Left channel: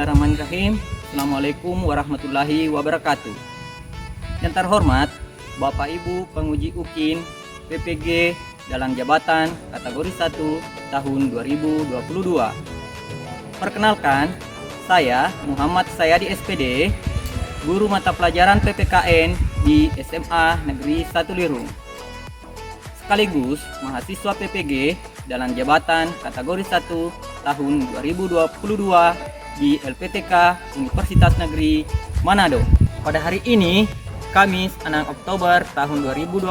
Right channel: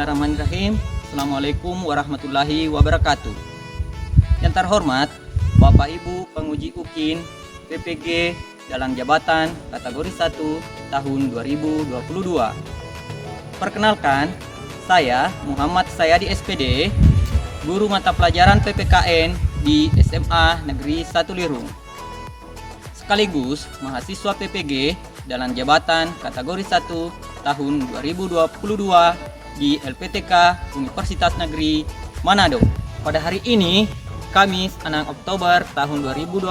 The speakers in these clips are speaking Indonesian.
Bismillahirrahmanirrahim. Assalamualaikum warahmatullahi wabarakatuh. Yang terhormat Bapak Ibu penguji UKIN PPG dalam jabatan kategori 1 tahun 2022. Perkenalkan, saya Muhammad Sayadi SPD, guru mata pelajaran PPKN di SMA Negeri 1 Lirung, sekaligus mahasiswa PPG dalam jabatan kategori 1 tahun 2022 di LPTK Universitas Negeri Manado. Pada hari ini, Kamis 6 Oktober tahun 2022,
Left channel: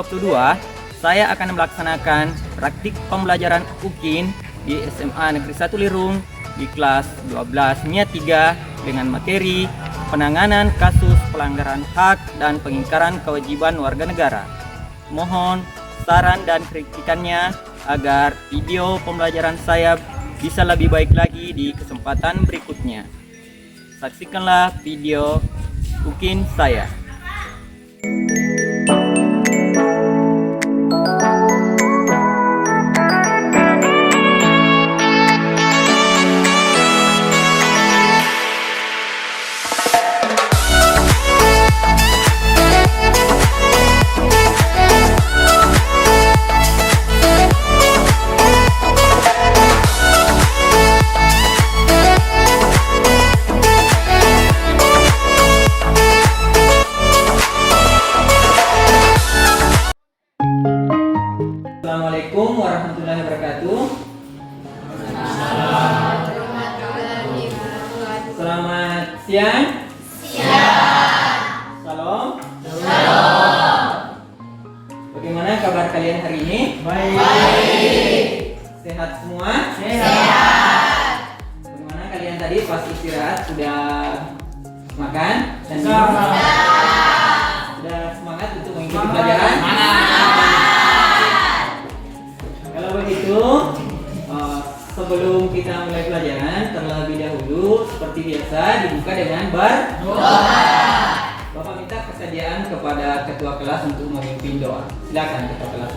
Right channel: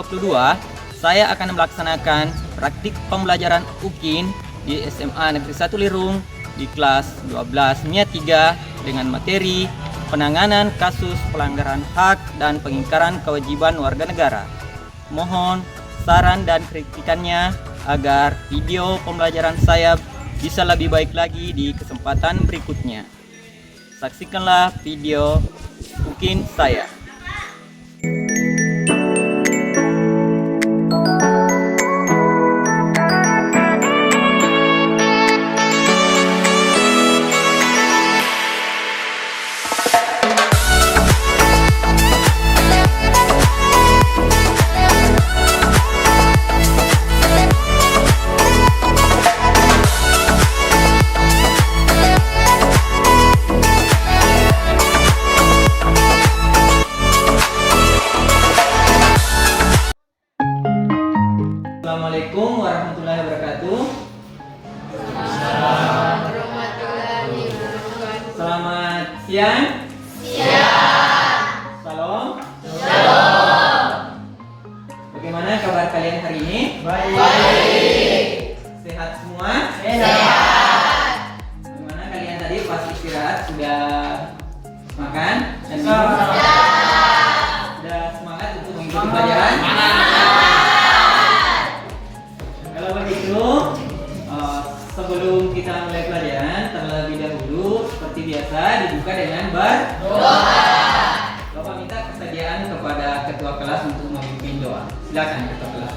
saya akan melaksanakan praktik pembelajaran UKIN di SMA Negeri 1 Lirung di kelas 12 NIA 3 dengan materi penanganan kasus pelanggaran hak dan pengingkaran kewajiban warga negara. Mohon saran dan kritikannya agar video pembelajaran saya bisa lebih baik lagi di kesempatan berikutnya. Saksikanlah video UKIN saya. Assalamualaikum warahmatullahi wabarakatuh. Selamat siang. Salam. Bagaimana kabar kalian hari ini? Baik. Sehat semua? Sehat. Bagaimana kalian tadi pas istirahat sudah makan? Dan sudah semangat untuk mengikuti pelajaran? Sebelum kita mulai pelajaran, terlebih dahulu seperti biasa dibuka dengan berdoa. Bapak minta kesediaan kepada ketua kelas untuk memimpin doa. Silakan ketua kelas.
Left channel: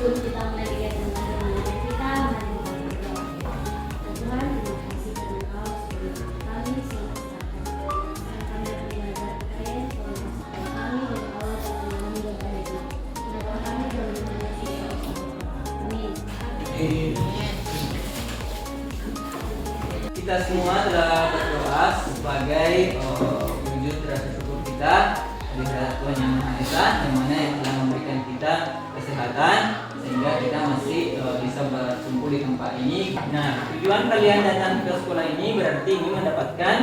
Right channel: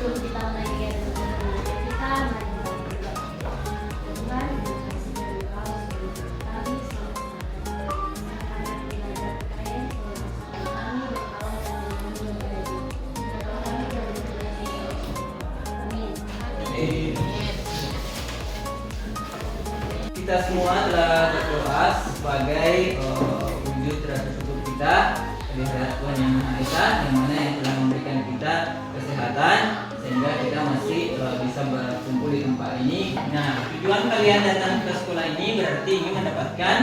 Sebelum kita mulai kegiatan belajar kita, mari kita berdoa. Tuhan, terima kasih dari Engkau sudah kami selalu serahkan. Kami belajar kalian selalu bersama kami dan Allah dan kami dan mereka. Berdoa kami dalam nama Yesus. Amin. Kita semua telah berdoa sebagai wujud rasa syukur kita kepada Tuhan Yang Maha Esa, yang mana yang telah memberikan kita kesehatan sehingga kita masih bisa berkumpul di tempat ini. Nah, tujuan kalian datang ke sekolah ini berarti ingin mendapatkan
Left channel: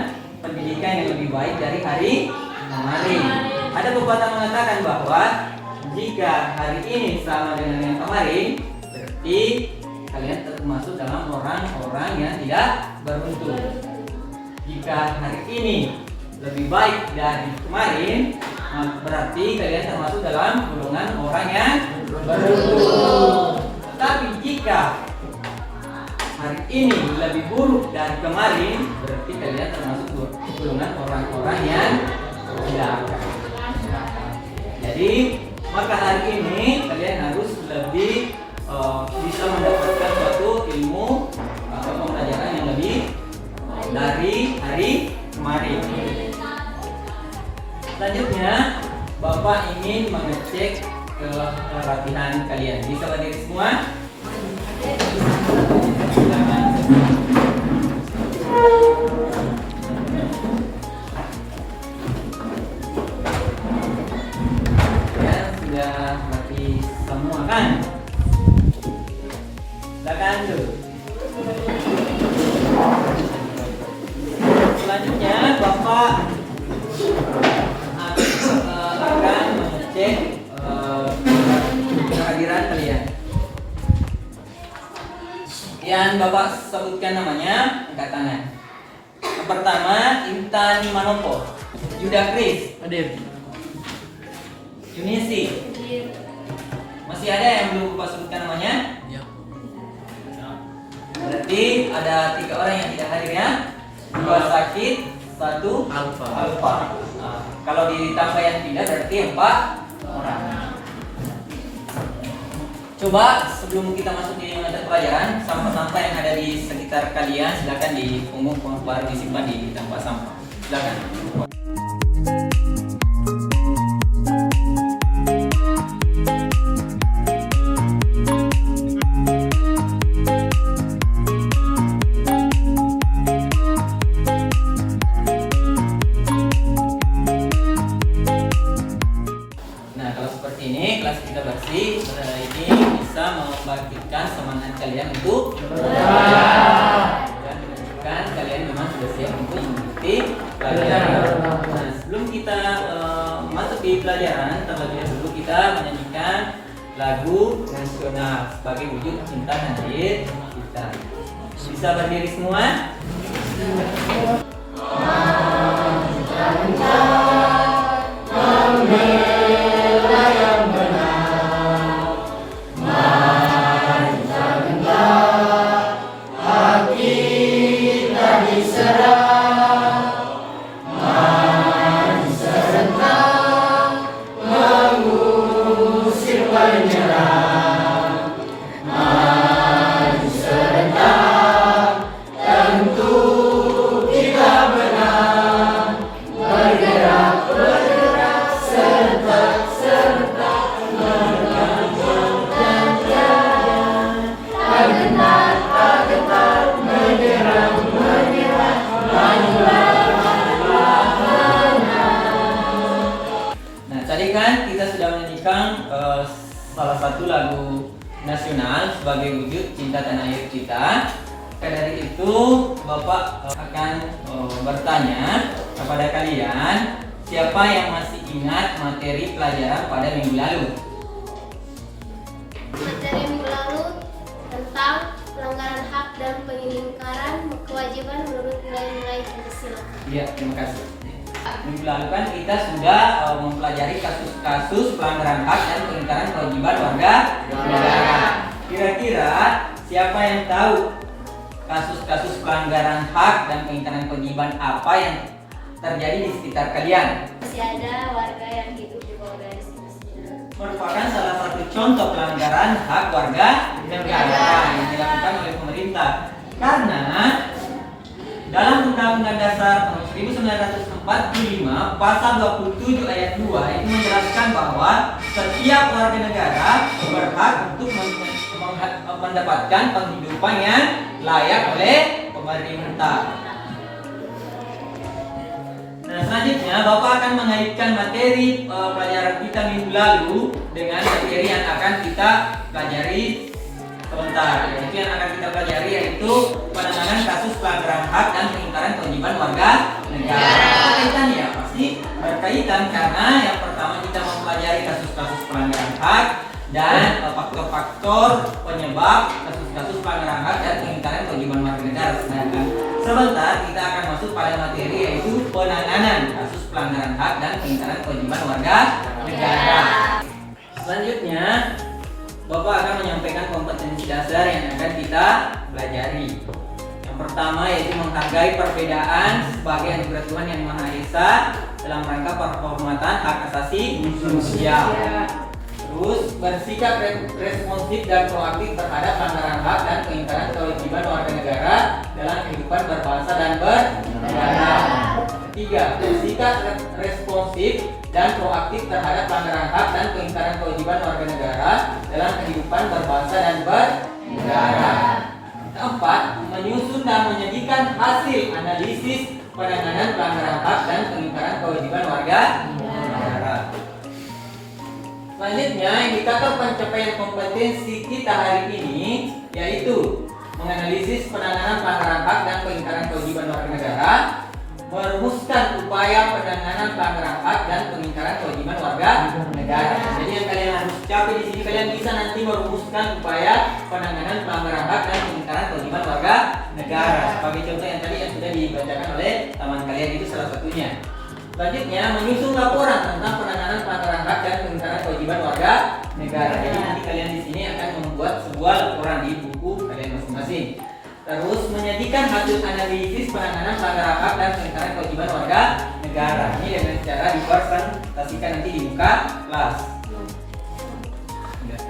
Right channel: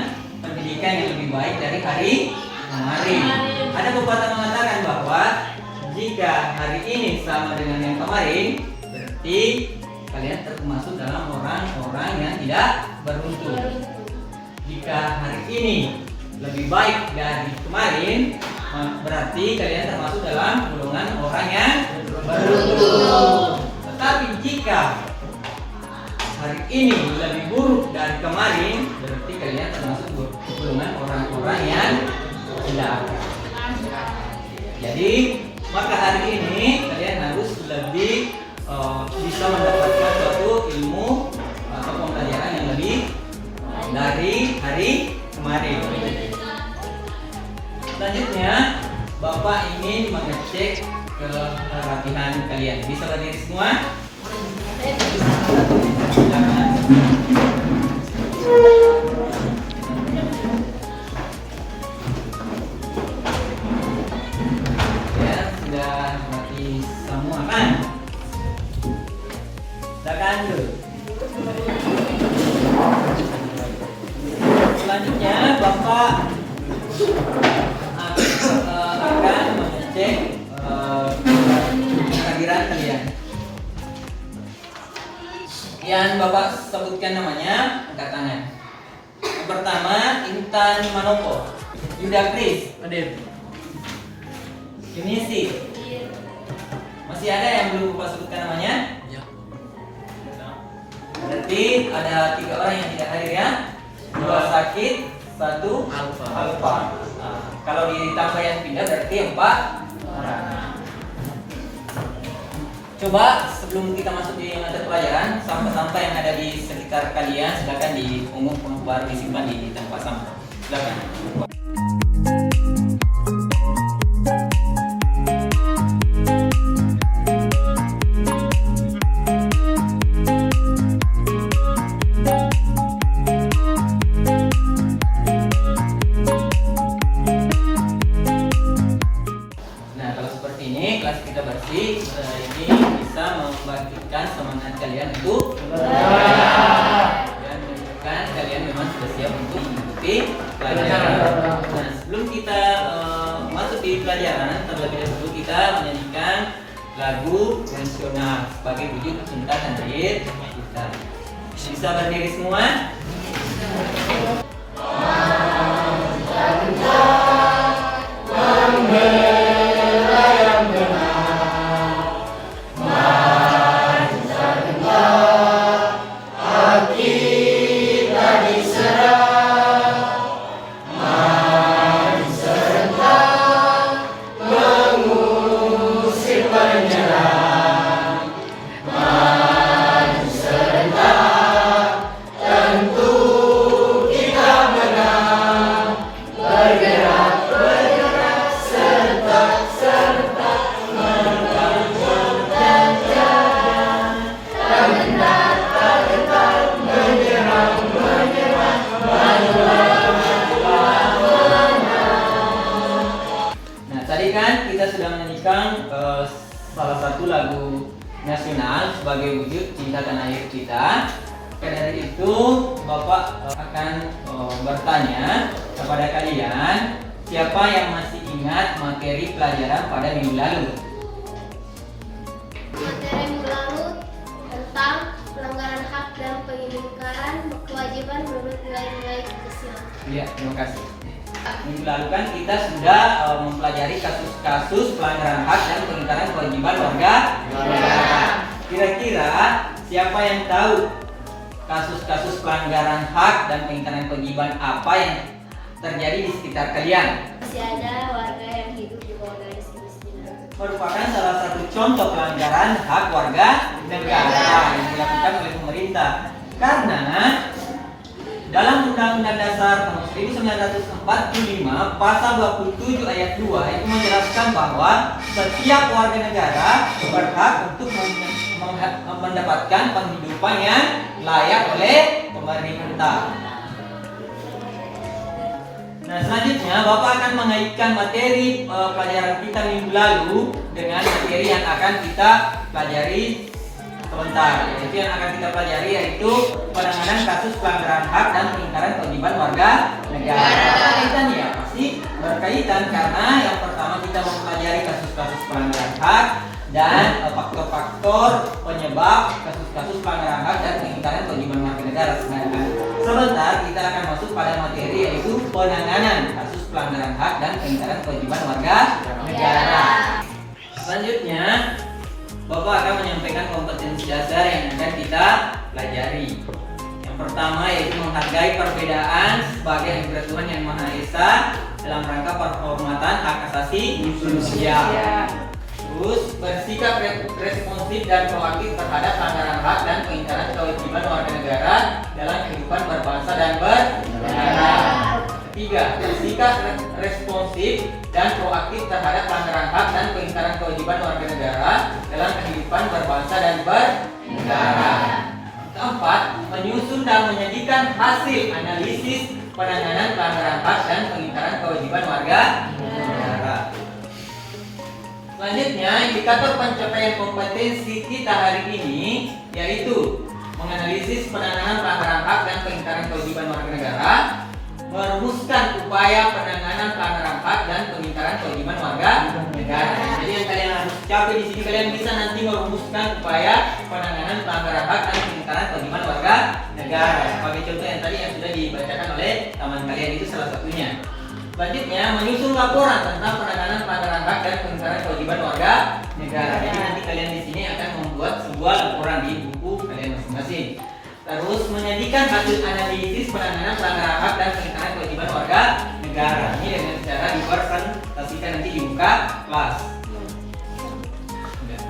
pendidikan yang lebih baik dari hari kemarin. Ada pepatah mengatakan bahwa jika hari ini sama dengan yang kemarin, berarti kalian termasuk dalam orang-orang yang tidak beruntung. Jika hari ini lebih baik dari kemarin, berarti kalian termasuk dalam golongan orang yang beruntung. Tetapi jika hari ini lebih buruk dari kemarin, berarti kalian termasuk golongan orang-orang yang celaka. Jadi maka hari ini kalian harus lebih bisa mendapatkan suatu ilmu atau pembelajaran yang lebih dari hari kemarin. Selanjutnya, Bapak ingin mengecek latihan kalian. Bisa berdiri semua? Ya, sudah latih semua kan? Silakan dulu. Selanjutnya, Bapak akan mengecek kehadiran kalian. Yang Bapak sebutkan namanya, angkat tangan. Yang pertama, Intan Manopo, Yuda Kris, Yunisi. Masih ada yang belum Bapak sebutkan namanya? Berarti ada 3 orang yang tidak hadir ya. 2 sakit, 1 alfa. Nah, kalau ditambah yang pindah berarti 4 orang. Coba sebelum kita masuk di mata pelajaran, sampah-sampah yang ada di sekitar kalian silakan dipungut baru disimpan di tempat sampah. Silakan. Nah, kalau seperti ini kelas kita bersih, ini bisa membangkitkan semangat kalian untuk belajar dan menunjukkan kalian memang sudah siap untuk mengikuti pelajaran. Nah, sebelum kita masuk di pelajaran, terlebih dahulu kita menyanyikan lagu nasional sebagai wujud cinta tanah air kita. Bisa berdiri semua? Salah satu lagu nasional sebagai wujud cinta tanah air kita. Dari itu Bapak akan bertanya kepada kalian, siapa yang masih ingat materi pelajaran pada minggu lalu? Materi minggu lalu tentang pelanggaran hak dan pengingkaran kewajiban menurut nilai-nilai Pancasila. Iya, terima kasih. Minggu lalu kan kita sudah mempelajari kasus-kasus pelanggaran hak dan pengingkaran kewajiban warga negara. Kira-kira siapa yang tahu kasus-kasus pelanggaran hak dan pengingkaran kewajiban apa yang terjadi di sekitar kalian? Masih ada warga yang hidup di bawah garis kemiskinan. Merupakan salah satu contoh pelanggaran hak warga negara yang dilakukan oleh pemerintah. Karena dalam Undang-Undang Dasar tahun 1945 pasal 27 ayat 2 itu menjelaskan bahwa setiap warga negara berhak untuk mendapatkan penghidupan yang layak oleh pemerintah. Nah, selanjutnya Bapak akan mengaitkan materi pelajaran kita minggu lalu dengan materi yang akan kita pelajari sebentar. Yaitu yang akan kita pelajari yaitu penanganan kasus pelanggaran hak dan pengingkaran kewajiban warga negara. Kaitannya pasti berkaitan karena yang pertama kita mempelajari kasus-kasus pelanggaran hak dan faktor-faktor penyebab kasus-kasus pelanggaran hak dan pengingkaran kewajiban warga negara. Sedangkan sebentar kita akan masuk pada materi yaitu penanganan kasus pelanggaran hak dan pengingkaran kewajiban warga negara. Selanjutnya Bapak akan menyampaikan kompetensi dasar yang akan kita pelajari. Yang pertama yaitu menghargai perbedaan sebagai anugerah Tuhan Yang Maha Esa dalam rangka penghormatan hak asasi manusia. Terus bersikap responsif dan proaktif terhadap pelanggaran hak dan pengingkaran kewajiban warga negara dalam kehidupan berbangsa dan bernegara. Ketiga, bersikap responsif dan proaktif terhadap pelanggaran hak dan pengingkaran kewajiban warga negara dalam kehidupan berbangsa dan bernegara. Keempat, menyusun dan menyajikan hasil analisis penanganan pelanggaran hak dan pengingkaran kewajiban warga negara. Selanjutnya, indikator pencapaian kompetensi kita hari ini yaitu menganalisis penanganan pelanggaran hak dan pengingkaran kewajiban warga negara, merumuskan upaya penanganan pelanggaran hak dan pengingkaran kewajiban warga negara. Jadi yang kalian harus capai di sini, kalian bisa nanti merumuskan upaya penanganan pelanggaran hak dan pengingkaran kewajiban warga negara. Sebagai contoh yang tadi yang sudah dibacakan oleh teman kalian itu salah satunya. Selanjutnya menyusun laporan tentang penanganan pelanggaran hak dan pengingkaran kewajiban warga negara. Jadi nanti kalian di sini akan membuat sebuah laporan di buku kalian masing-masing. Terus menyajikan hasil analisis penanganan pelanggaran hak dan pengingkaran kewajiban warga negara. Ini dengan cara dipresentasikan nanti di muka kelas.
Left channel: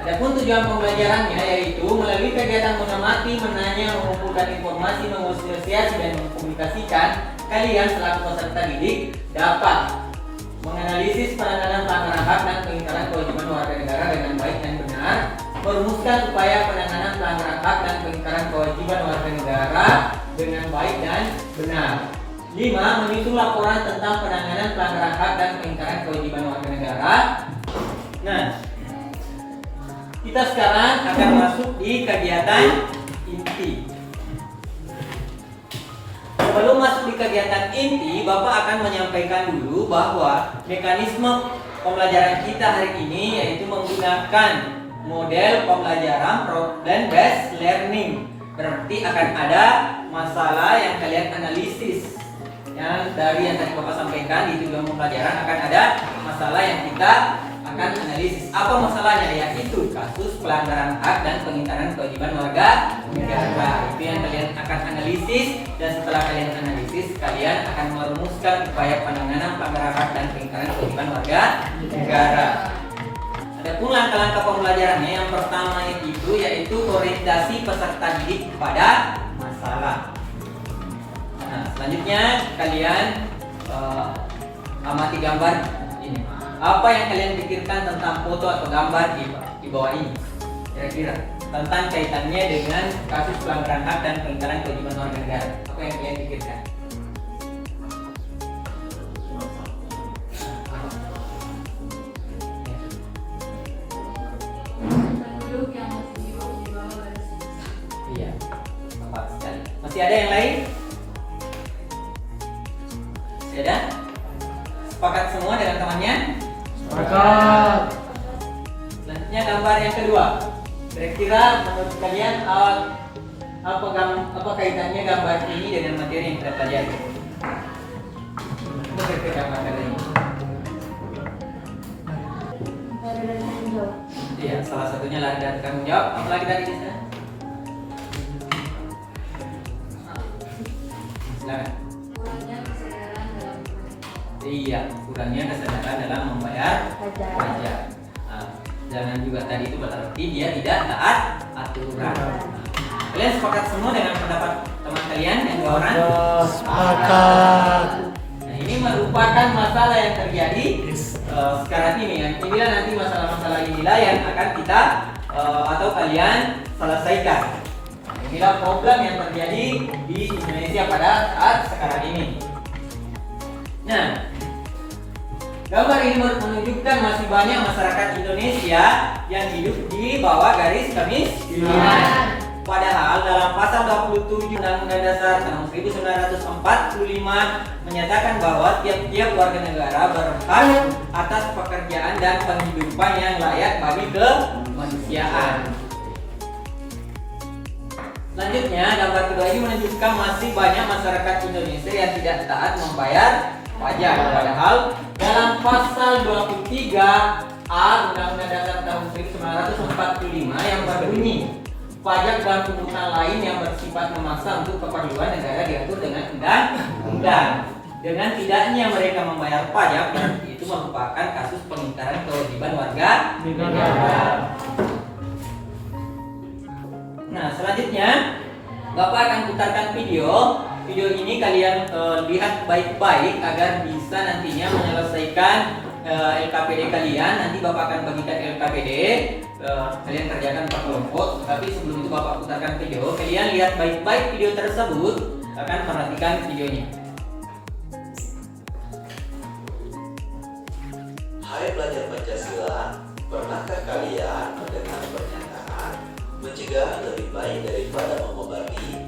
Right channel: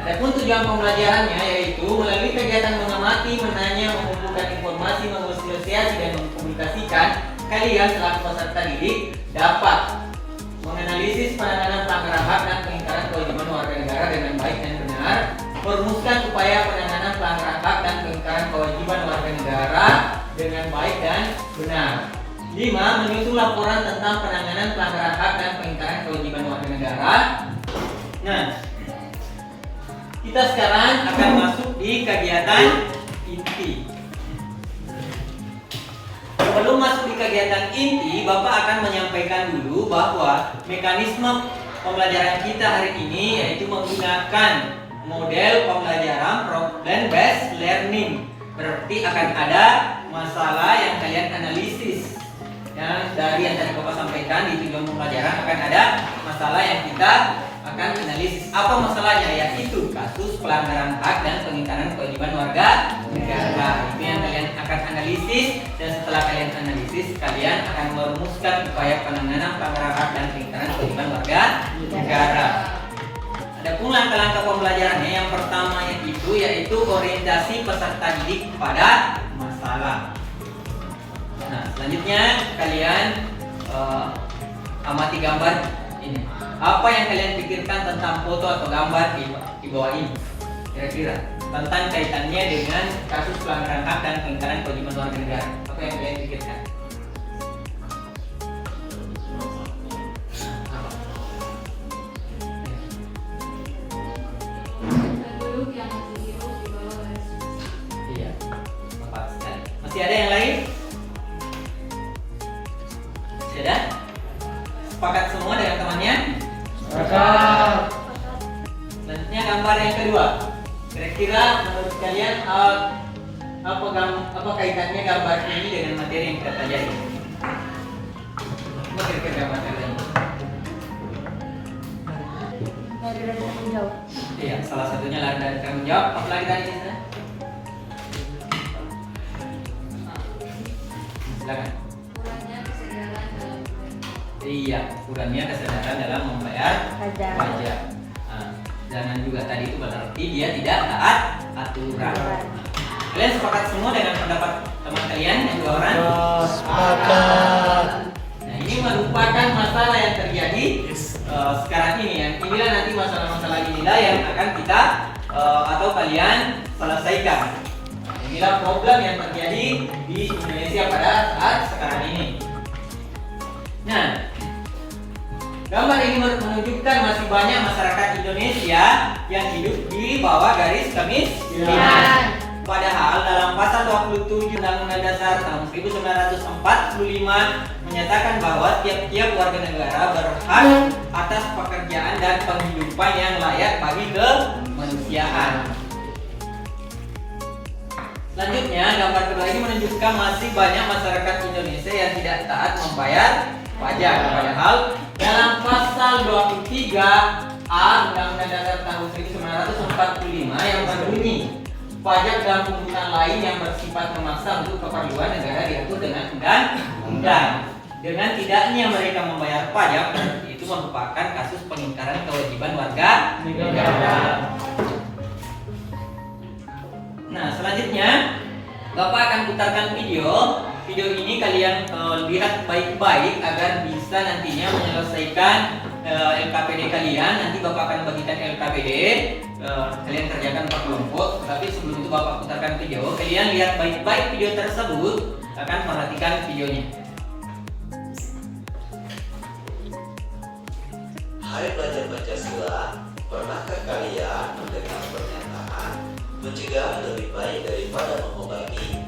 Adapun tujuan pembelajarannya yaitu melalui kegiatan mengamati, menanya, mengumpulkan informasi, mengasosiasi dan mengkomunikasikan, kalian selaku peserta didik dapat menganalisis penanganan pelanggaran hak dan pengingkaran kewajiban warga negara dengan baik dan benar, merumuskan upaya penanganan pelanggaran hak dan pengingkaran kewajiban warga negara dengan baik dan benar. 5. Menyusun laporan tentang penanganan pelanggaran hak dan pengingkaran kewajiban warga negara. Nah, kita sekarang akan masuk di kegiatan inti. Sebelum masuk di kegiatan inti, Bapak akan menyampaikan dulu bahwa mekanisme pembelajaran kita hari ini yaitu menggunakan model pembelajaran problem based learning. Berarti akan ada masalah yang kalian analisis. Yang dari yang tadi Bapak sampaikan di tujuan pembelajaran akan ada masalah yang kita akan analisis. Apa masalahnya? Yaitu kasus pelanggaran hak dan pengingkaran kewajiban warga negara. Itu yang kalian akan analisis, dan setelah kalian analisis, kalian akan merumuskan upaya penanganan pelanggaran hak dan pengingkaran kewajiban warga negara. Adapun langkah-langkah pembelajarannya, yang pertama itu yaitu orientasi peserta didik pada masalah. Nah, selanjutnya kalian amati gambar ini. Apa yang kalian pikirkan tentang foto atau gambar di bawah ini? Kira-kira tentang kaitannya dengan kasus pelanggaran hak dan pengingkaran kewajiban warga negara. Apa yang kalian pikirkan? Penduduk yang masih hidup di bawah garis kemiskinan. Iya, tepat sekali. Masih ada yang lain? Masih ada? Sepakat semua dengan temannya? Sepakat. Selanjutnya gambar yang kedua. Kira-kira menurut kalian apa kaitannya gambar ini dengan materi yang kita pelajari? Apa kira-kira gambar kalian? Lari dari tanggung jawab. Iya, salah satunya lari dari tanggung jawab. Apa lagi tadi kita? Silakan. Kurangnya kesadaran dalam Iya, kurangnya kesadaran dalam membayar pajak. pajak. Nah, jangan juga tadi itu berarti dia tidak taat aturan. Nah, kalian sepakat semua dengan pendapat teman kalian yang dua orang? Sepakat. Nah, ini merupakan masalah yang terjadi sekarang ini ya. Inilah nanti masalah-masalah inilah yang akan kita atau kalian selesaikan. Nah, inilah problem yang terjadi di Indonesia pada saat sekarang ini. Nah, gambar ini menunjukkan masih banyak masyarakat Indonesia yang hidup di bawah garis kemiskinan. Padahal dalam pasal 27 Undang-Undang Dasar tahun 1945 menyatakan bahwa tiap-tiap warga negara berhak atas pekerjaan dan penghidupan yang layak bagi kemanusiaan. Selanjutnya, gambar kedua ini menunjukkan masih banyak masyarakat Indonesia yang tidak taat membayar pajak. Padahal dalam pasal 23A Undang-Undang Dasar tahun 1945 yang berbunyi pajak dan pungutan lain yang bersifat memaksa untuk keperluan negara diatur dengan undang-undang. Dengan tidaknya mereka membayar pajak, berarti itu merupakan kasus pengingkaran kewajiban warga negara. Nah, selanjutnya Bapak akan putarkan video. Video ini kalian lihat baik-baik agar bisa nantinya menyelesaikan LKPD kalian. Nanti Bapak akan bagikan LKPD, kalian kerjakan per kelompok. Tapi sebelum itu Bapak putarkan video. Kalian lihat baik-baik video tersebut, akan perhatikan videonya. Hai pelajar Pancasila, pernahkah kalian mendengar pernyataan mencegah lebih baik daripada mengobati?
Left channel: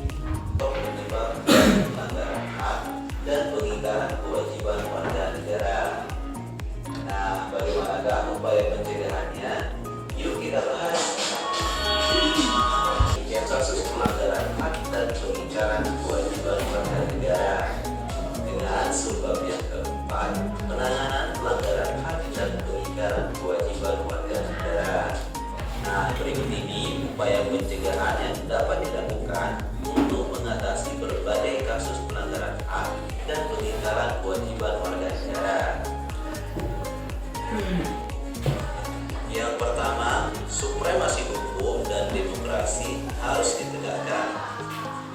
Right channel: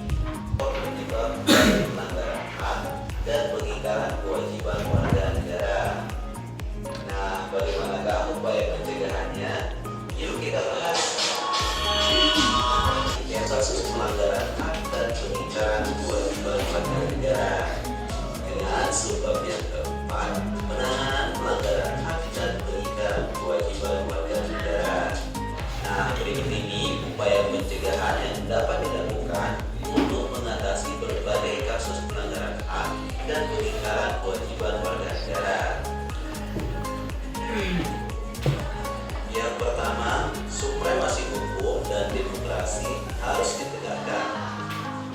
Penyebab dari pelanggaran hak dan pengingkaran kewajiban warga negara. Nah, bagaimanakah upaya pencegahannya? Yuk kita bahas. Yang kasus pelanggaran hak dan pengingkaran kewajiban warga negara. Dengan sebab yang keempat, penanganan pelanggaran hak dan pengingkaran Yang pertama, supremasi hukum dan demokrasi harus ditegakkan.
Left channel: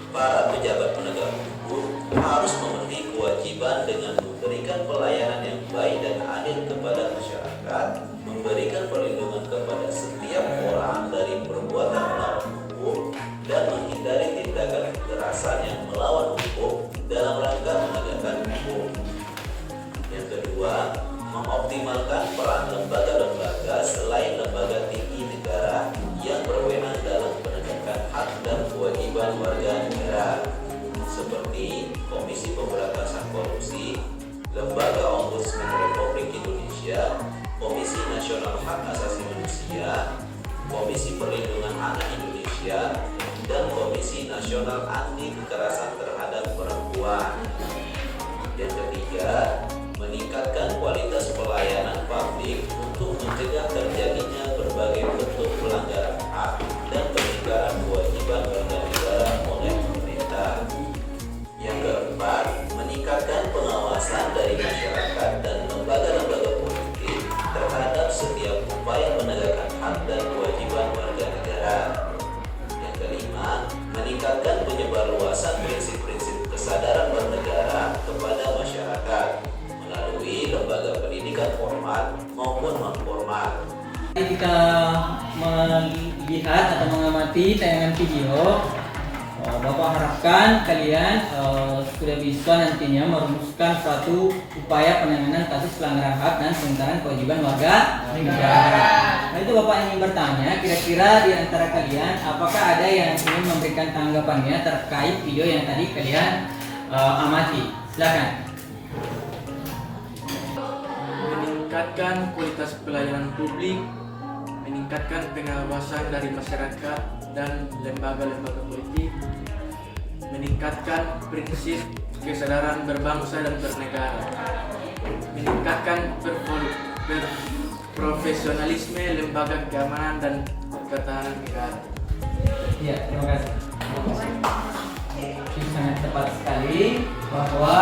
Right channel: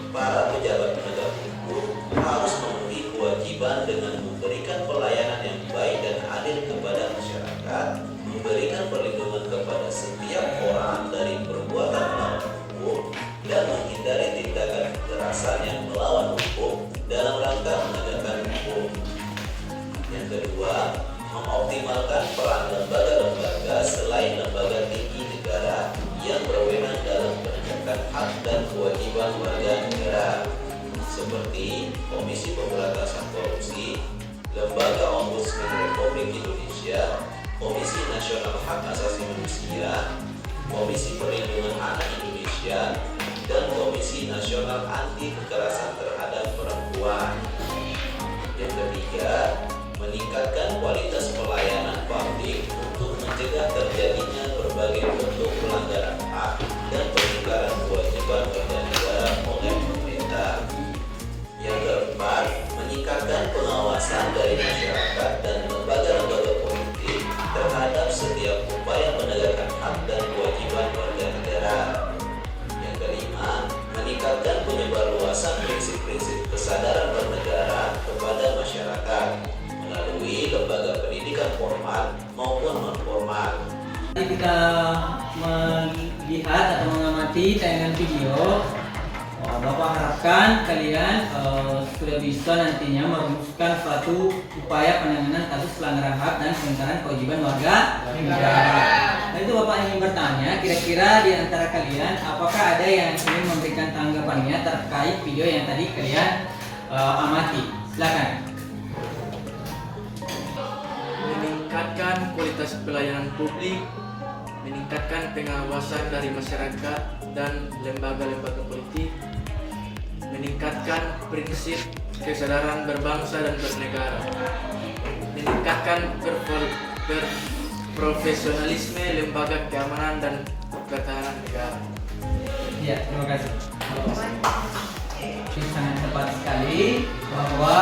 Para pejabat penegak hukum harus memenuhi kewajiban dengan memberikan pelayanan yang baik dan adil kepada masyarakat, memberikan perlindungan kepada setiap orang dari perbuatan melawan hukum, dan menghindari tindakan kekerasan yang melawan hukum dalam rangka menegakkan hukum. Yang kedua, mengoptimalkan peran lembaga-lembaga selain lembaga tinggi negara yang berwenang dalam penegakan hak dan kewajiban warga negara, seperti Komisi Pemberantasan Korupsi, Lembaga Ombudsman Republik Indonesia, Komisi Nasional Hak Asasi Manusia, Komisi Perlindungan Anak Indonesia, dan Komisi Nasional Anti Kekerasan Terhadap Perempuan. Yang ketiga, meningkatkan kualitas pelayanan publik untuk mencegah terjadinya berbagai bentuk pelanggaran hak dan pelanggaran kewajiban warga negara oleh pemerintah. Yang keempat, meningkatkan pengawasan dari masyarakat dan lembaga-lembaga politik terhadap setiap upaya penegakan hak dan kewajiban warga negara. Yang kelima, meningkatkan penyebarluasan prinsip-prinsip kesadaran bernegara kepada masyarakat melalui lembaga pendidikan formal maupun non-formal. Kita melihat atau mengamati tayangan video, Bapak harapkan kalian sudah bisa nantinya merumuskan suatu upaya penanganan kasus pelanggaran hak dan pelanggaran kewajiban warga negara. Nah, itu Bapak ingin bertanya, kira-kira di antara kalian apakah ada yang ingin memberikan tanggapannya terkait video yang tadi kalian amati? Silakan. Meningkatkan kualitas pelayanan publik, meningkatkan pengawasan dari masyarakat dan lembaga-lembaga politik, meningkatkan prinsip kesadaran berbangsa dan bernegara, meningkatkan profesionalisme lembaga keamanan dan pertahanan negara. Ya, terima kasih. Ini sangat tepat sekali bahwa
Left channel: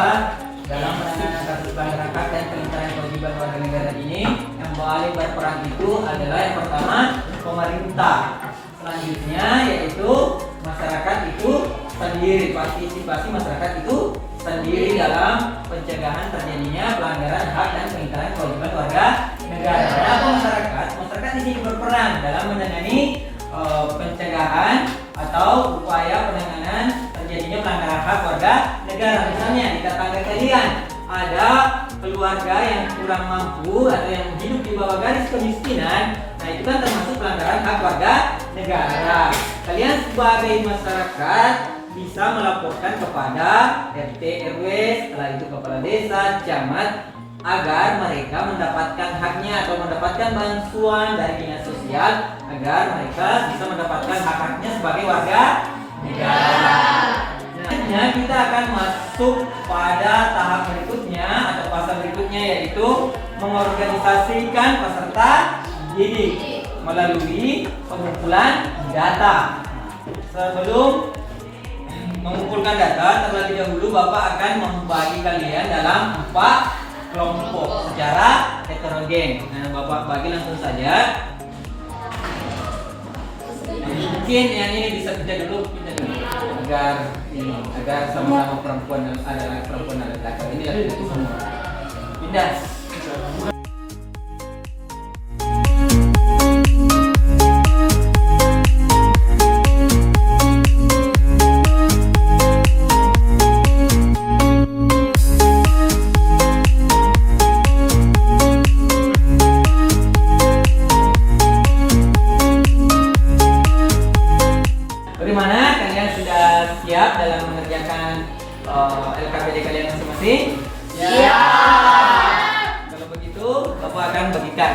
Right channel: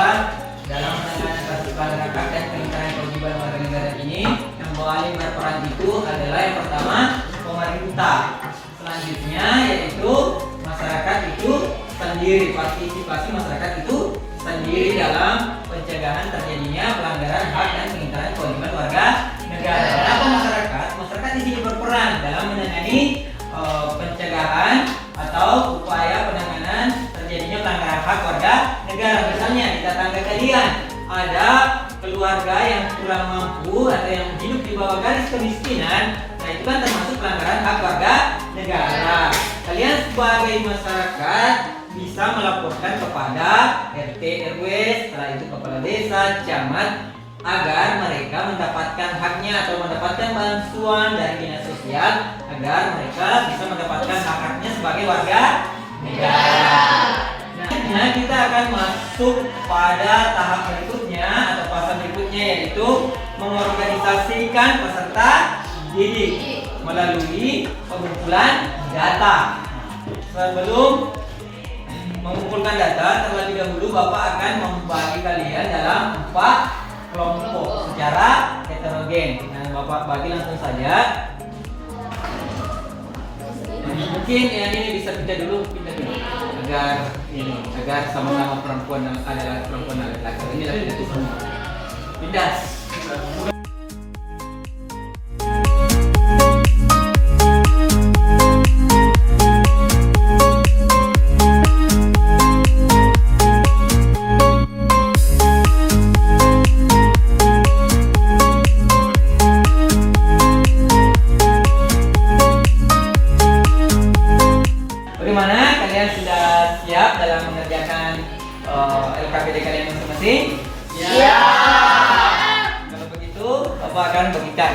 dalam penanganan kasus pelanggaran hak dan pelanggaran kewajiban warga negara ini yang paling berperan itu adalah yang pertama pemerintah, selanjutnya yaitu masyarakat itu sendiri, partisipasi masyarakat itu sendiri dalam pencegahan terjadinya pelanggaran hak dan pelanggaran kewajiban warga negara. Kenapa masyarakat? Masyarakat di sini berperan dalam menangani pencegahan atau upaya penanganan terjadinya pelanggaran hak warga negara. Misalnya di tetangga kalian ada keluarga yang kurang mampu atau yang hidup di bawah garis kemiskinan, nah itu kan termasuk pelanggaran hak warga negara. Kalian sebagai masyarakat bisa melaporkan kepada RT RW, setelah itu kepala desa, camat, agar mereka mendapatkan haknya atau mendapatkan bantuan dari dinas sosial agar mereka bisa mendapatkan hak-haknya sebagai warga negara. Nah, kita akan masuk pada tahap berikutnya atau fase berikutnya, yaitu mengorganisasikan peserta didik melalui pengumpulan data. Sebelum mengumpulkan data, terlebih dahulu Bapak akan membagi kalian dalam 4 kelompok secara heterogen. Nah, Bapak bagi langsung saja. Mungkin yang ini bisa pindah dulu agar sama-sama perempuan adalah perempuan dan laki-laki. Ini lagi itu semua. Pindah. Bagaimana kalian sudah siap dalam mengerjakan LKPD kalian masing-masing? Siap. Kalau begitu, Bapak akan bagikan.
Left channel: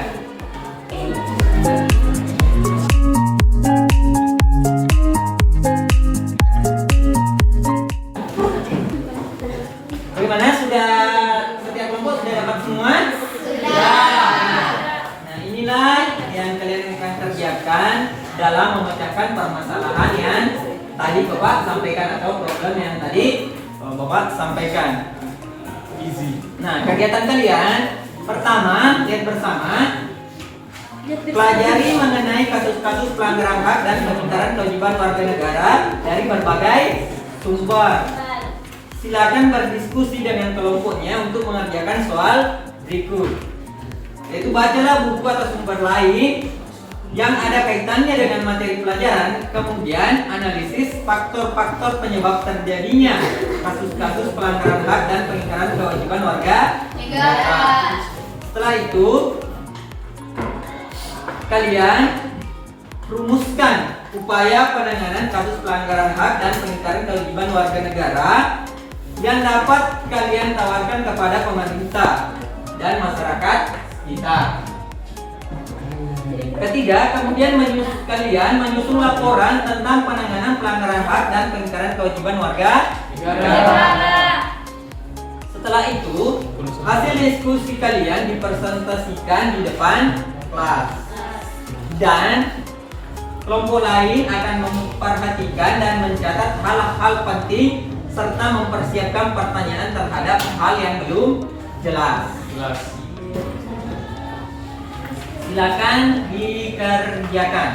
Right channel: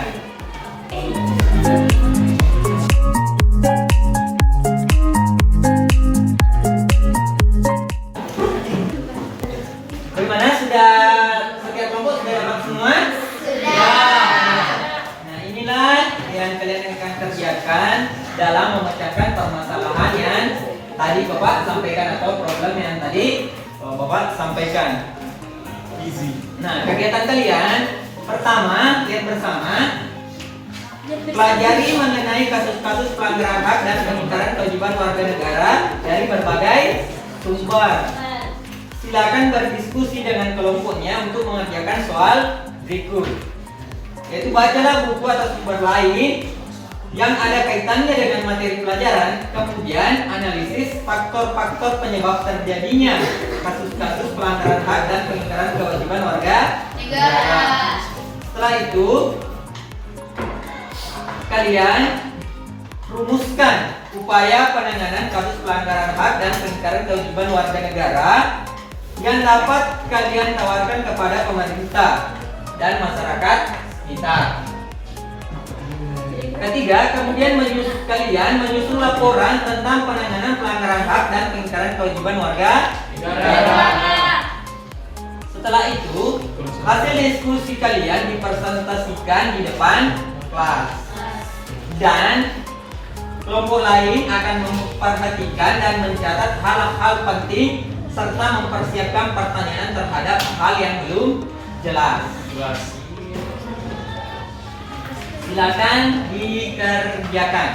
Bagaimana, sudah setiap kelompok sudah dapat semua? Sudah. Nah, inilah yang kalian akan kerjakan dalam memecahkan permasalahan yang tadi Bapak sampaikan atau problem yang tadi Bapak sampaikan. Easy. Nah, kegiatan kalian pertama lihat bersama pelajari mengenai kasus-kasus pelanggaran hak dan pengingkaran kewajiban warga negara dari berbagai sumber. Silakan berdiskusi dengan kelompoknya untuk mengerjakan soal berikut. Yaitu bacalah buku atau sumber lain yang ada kaitannya dengan materi pelajaran, kemudian analisis faktor-faktor penyebab terjadinya kasus-kasus pelanggaran hak dan pengingkaran kewajiban warga negara. Setelah itu, kalian rumuskan upaya penanganan kasus pelanggaran hak dan pengingkaran kewajiban warga negara yang dapat kalian tawarkan kepada pemerintah dan masyarakat kita. Ketiga, kemudian kalian menyusun laporan tentang penanganan pelanggaran hak dan pengingkaran kewajiban warga negara. Setelah itu, hasil diskusi kalian dipresentasikan di depan kelas. Dan kelompok lain akan memperhatikan dan mencatat hal-hal penting serta mempersiapkan pertanyaan terhadap hal yang belum jelas. Silakan dikerjakan.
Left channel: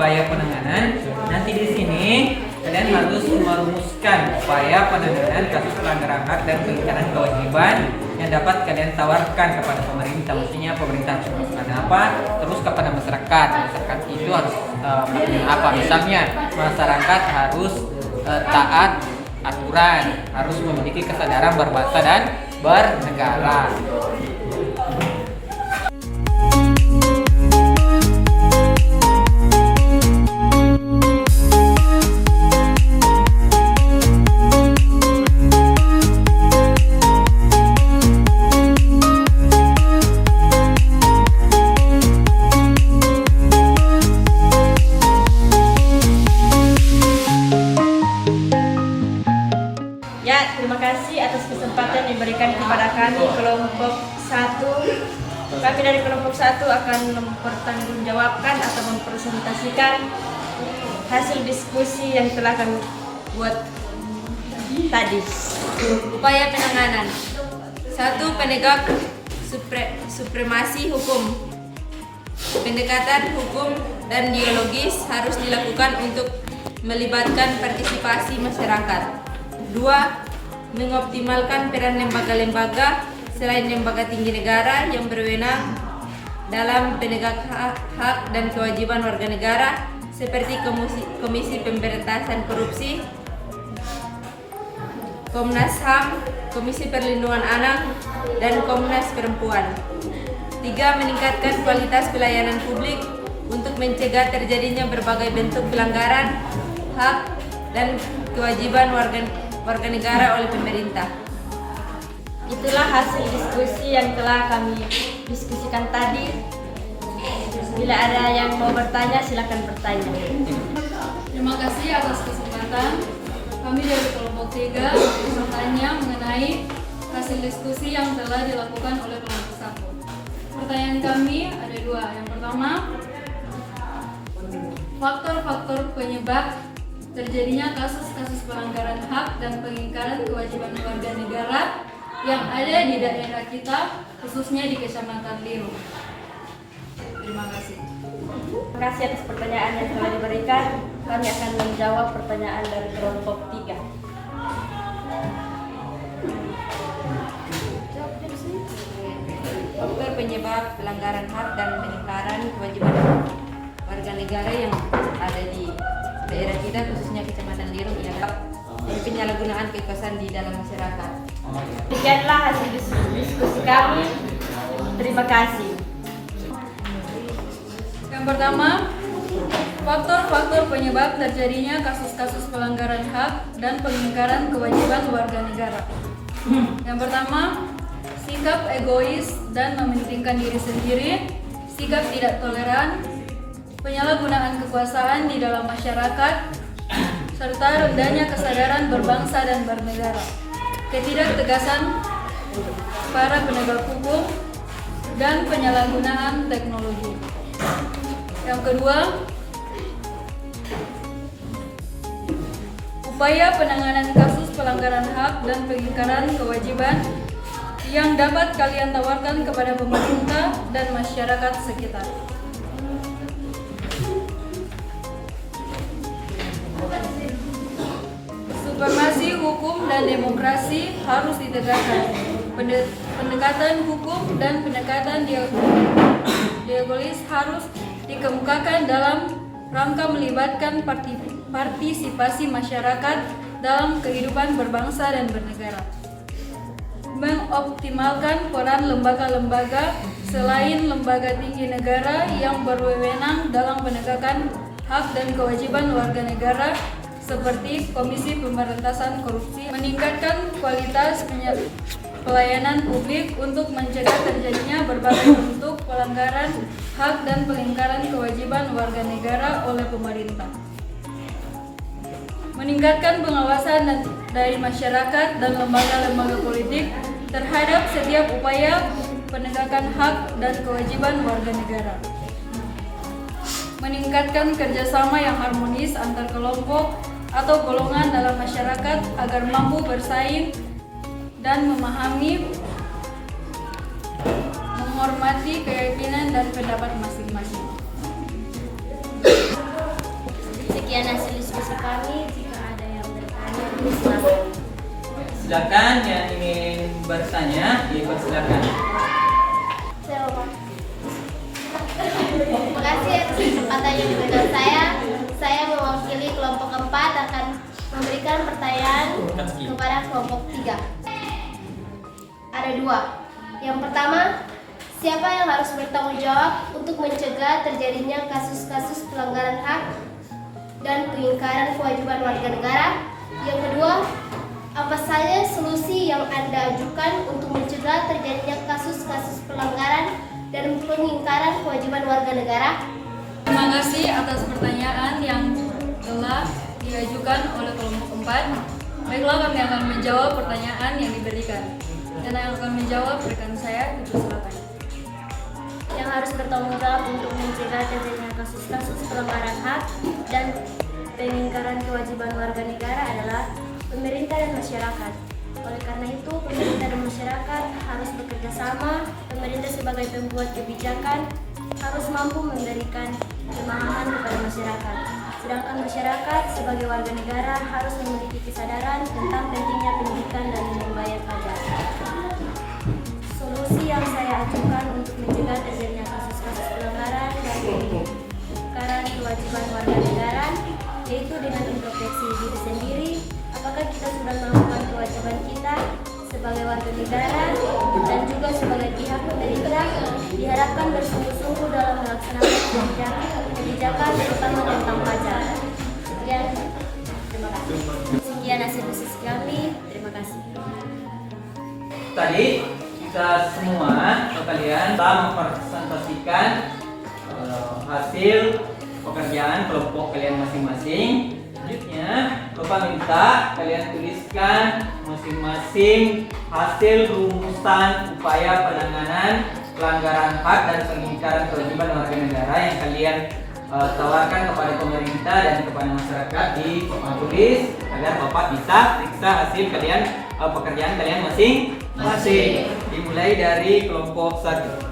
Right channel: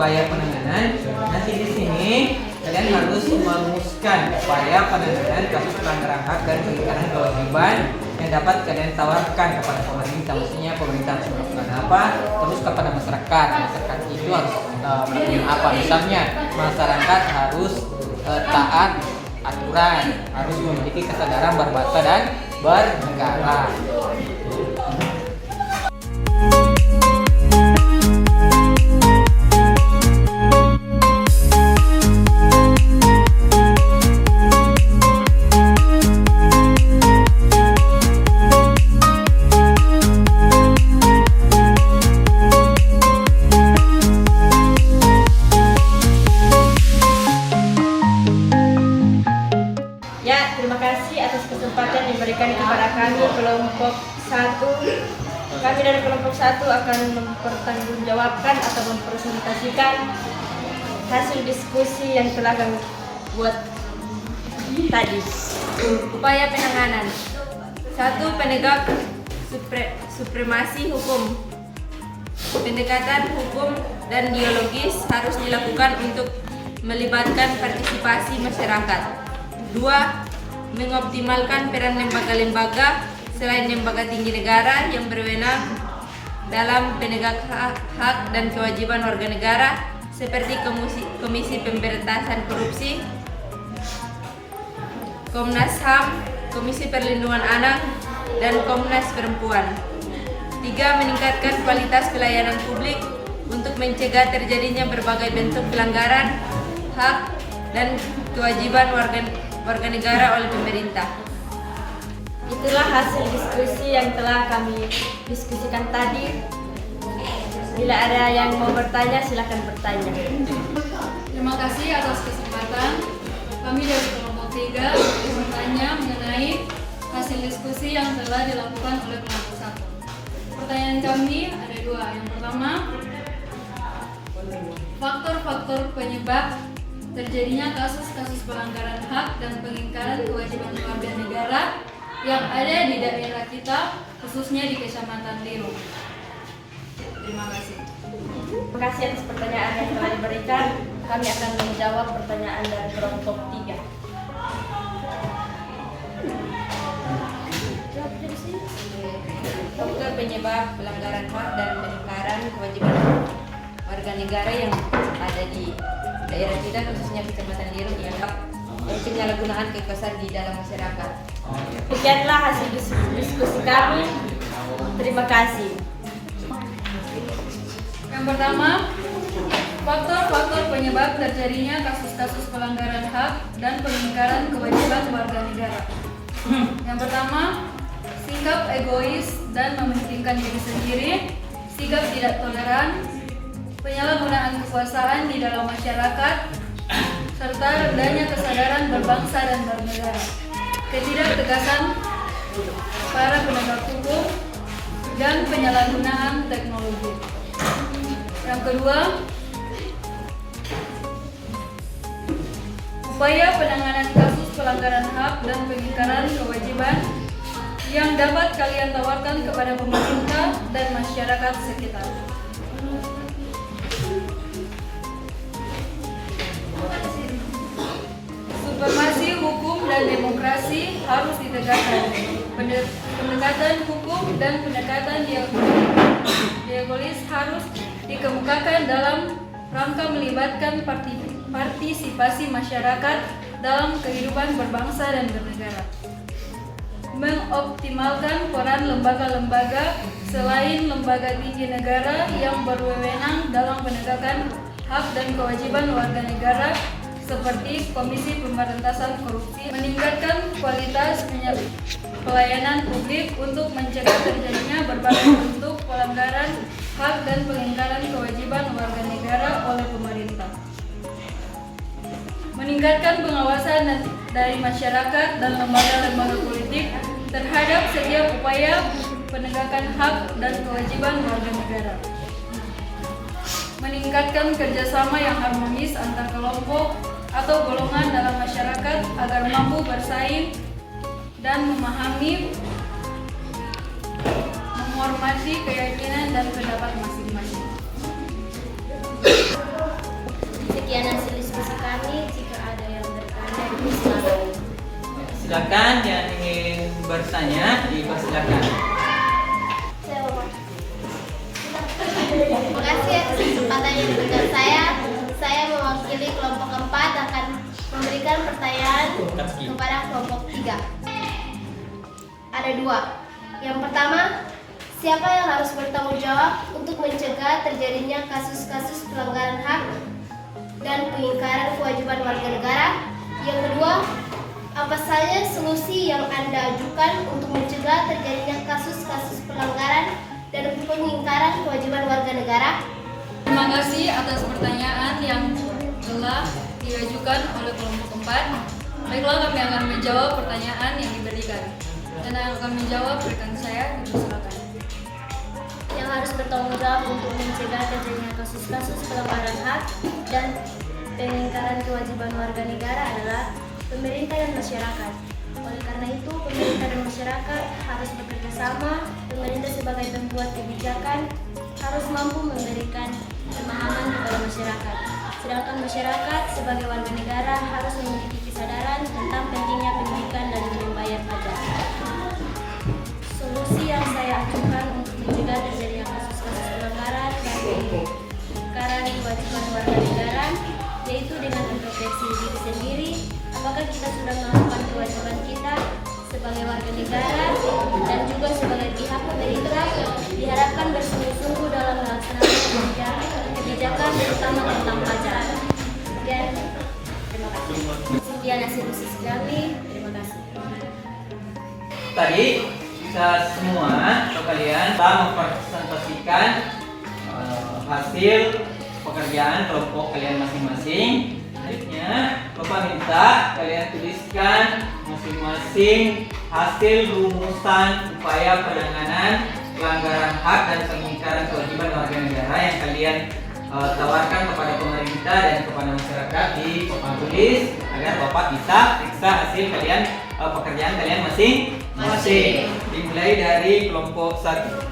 Upaya penanganan. Nanti di sini kalian harus merumuskan upaya penanganan kasus pelanggaran hak dan pengingkaran kewajiban yang dapat kalian tawarkan kepada pemerintah. Mestinya pemerintah harus melakukan apa, terus kepada masyarakat. Masyarakat itu harus melakukan apa? Misalnya masyarakat harus taat aturan, harus memiliki kesadaran berbangsa dan bernegara. Ya, terima kasih atas kesempatan yang diberikan kepada kami kelompok 1. Kami dari kelompok 1 akan mempertanggungjawabkan atau mempresentasikan hasil diskusi yang telah kami buat tadi. Upaya penanganan. 1. Penegak supremasi hukum. Pendekatan hukum dan dialogis harus dilakukan untuk melibatkan partisipasi masyarakat. 2. Mengoptimalkan peran lembaga-lembaga selain lembaga tinggi negara yang berwenang dalam penegak hak dan kewajiban warga negara seperti Komisi Pemberantasan Korupsi, Komnas HAM, Komisi Perlindungan Anak, dan Komnas Perempuan. 3. Meningkatkan kualitas pelayanan publik untuk mencegah terjadinya berbagai bentuk pelanggaran hak dan kewajiban warga negara oleh pemerintah. Itulah hasil diskusi yang telah kami diskusikan tadi. Bila ada yang mau bertanya, silakan bertanya. Terima kasih atas kesempatan. Kami dari kelompok 3 bertanya mengenai hasil diskusi yang telah dilakukan oleh kelompok 1. Pertanyaan kami ada 2. Yang pertama, faktor-faktor penyebab terjadinya kasus-kasus pelanggaran hak dan pengingkaran kewajiban warga negara yang ada di daerah kita, khususnya di Kecamatan Lirung. Terima kasih. Terima kasih atas pertanyaan yang telah diberikan. Kami akan menjawab pertanyaan dari kelompok 3. Faktor penyebab pelanggaran hak dan pengingkaran kewajiban warga negara yang ada di daerah kita, khususnya Kecamatan Lirung, ialah penyalahgunaan kekuasaan di dalam masyarakat. Demikianlah hasil diskusi kami. Terima kasih. Yang pertama, faktor-faktor penyebab terjadinya kasus-kasus pelanggaran hak dan pengingkaran kewajiban warga negara. Yang pertama, sikap egois dan mementingkan diri sendiri, sikap tidak toleran, penyalahgunaan kekuasaan di dalam masyarakat, serta rendahnya kesadaran berbangsa dan bernegara, ketidaktegasan para penegak hukum, dan penyalahgunaan teknologi. Yang kedua, upaya penanganan kasus pelanggaran hak dan pengingkaran kewajiban yang dapat kalian tawarkan kepada pemerintah dan masyarakat sekitar. Supremasi hukum dan demokrasi harus ditegakkan. Pendekatan hukum dan pendekatan diagolis harus dikemukakan dalam rangka melibatkan partisipasi masyarakat dalam kehidupan berbangsa dan bernegara. Mengoptimalkan peran lembaga-lembaga selain lembaga tinggi negara yang berwenang dalam penegakan hak dan kewajiban warga negara seperti Komisi Pemberantasan Korupsi, meningkatkan kualitas pelayanan publik untuk mencegah terjadinya berbagai bentuk pelanggaran hak dan pengingkaran kewajiban warga negara oleh pemerintah. Meningkatkan pengawasan dari masyarakat dan lembaga-lembaga politik terhadap setiap upaya penegakan hak dan kewajiban warga negara. Meningkatkan kerjasama yang harmonis antar kelompok atau golongan dalam masyarakat agar mampu bersaing dan memahami, menghormati keyakinan dan pendapat masing-masing. Sekian hasil diskusi kami. Jika ada yang bertanya, silakan. Silakan yang ingin bertanya, dipersilakan. Terima kasih atas kesempatan yang diberikan saya. Saya mewakili kelompok 4 akan memberikan pertanyaan kepada kelompok 3. Ada 2. Yang pertama, siapa yang harus bertanggung jawab untuk mencegah terjadinya kasus-kasus pelanggaran hak dan pengingkaran kewajiban warga negara? Yang kedua, apa saja solusi yang Anda ajukan untuk mencegah terjadinya kasus-kasus pelanggaran dan pengingkaran kewajiban warga negara? Terima kasih atas pertanyaan yang telah diajukan oleh kelompok 4. Baiklah, kami akan menjawab pertanyaan yang diberikan. Dan yang akan menjawab rekan saya, silakan. Yang harus bertanggung jawab untuk mencegah terjadinya kasus-kasus pelanggaran hak dan pengingkaran kewajiban warga negara adalah pemerintah dan masyarakat. Oleh karena itu, pemerintah dan masyarakat harus bekerja sama. Pemerintah sebagai pembuat kebijakan harus mampu memberikan pemahaman kepada masyarakat. Sedangkan masyarakat sebagai warga negara harus memiliki kesadaran tentang pentingnya pendidikan dan membayar pajak. Solusi yang saya ajukan untuk mencegah terjadinya kasus-kasus pelanggaran dan pengingkaran kewajiban warga negara yaitu dengan introspeksi diri sendiri. Apakah kita sudah melakukan kewajiban kita sebagai warga negara dan juga sebagai pihak pemerintah diharapkan bersungguh-sungguh dalam melaksanakan kebijakan terutama tentang pajak. Sekian, terima kasih. Sekian hasil diskusi kami, terima kasih. Tadi kita semua atau kalian telah mempresentasikan hasil pekerjaan kelompok kalian masing-masing. Selanjutnya, Bapak minta kalian tuliskan masing-masing hasil rumusan upaya penanganan pelanggaran hak dan pengingkaran kewajiban warga negara yang kalian tawarkan kepada pemerintah dan kepada masyarakat di papan tulis agar Bapak bisa periksa hasil kalian pekerjaan kalian masing-masing. Dimulai dari kelompok 1.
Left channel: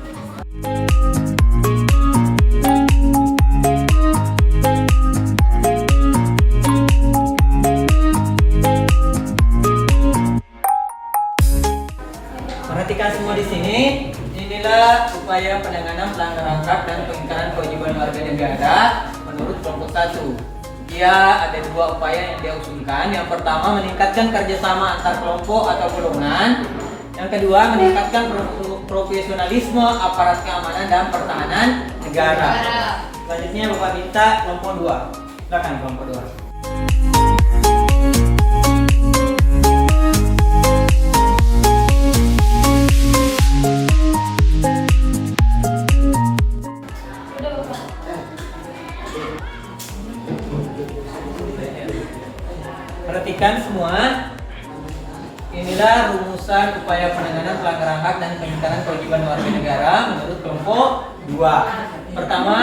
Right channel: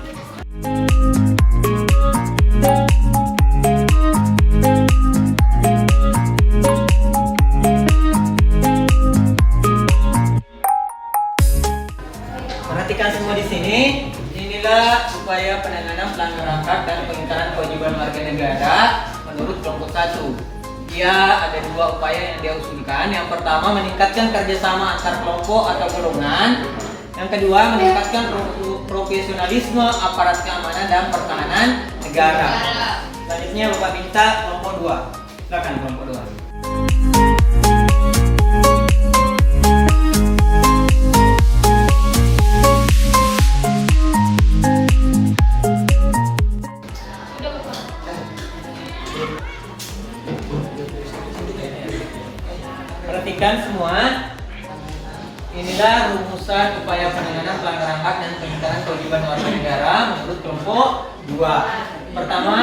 Perhatikan semua di sini. Inilah upaya penanganan pelanggaran hak dan pengingkaran kewajiban warga negara menurut kelompok 1. Dia ada 2 upaya yang dia usulkan. Yang pertama, meningkatkan kerjasama antar kelompok atau golongan. Yang kedua, meningkatkan profesionalisme aparat keamanan dan pertahanan negara. Selanjutnya Bapak minta kelompok 2. Silakan kelompok 2. Perhatikan semua. Inilah rumusan upaya penanganan pelanggaran hak dan pengingkaran kewajiban warga negara menurut kelompok 2. Pertama,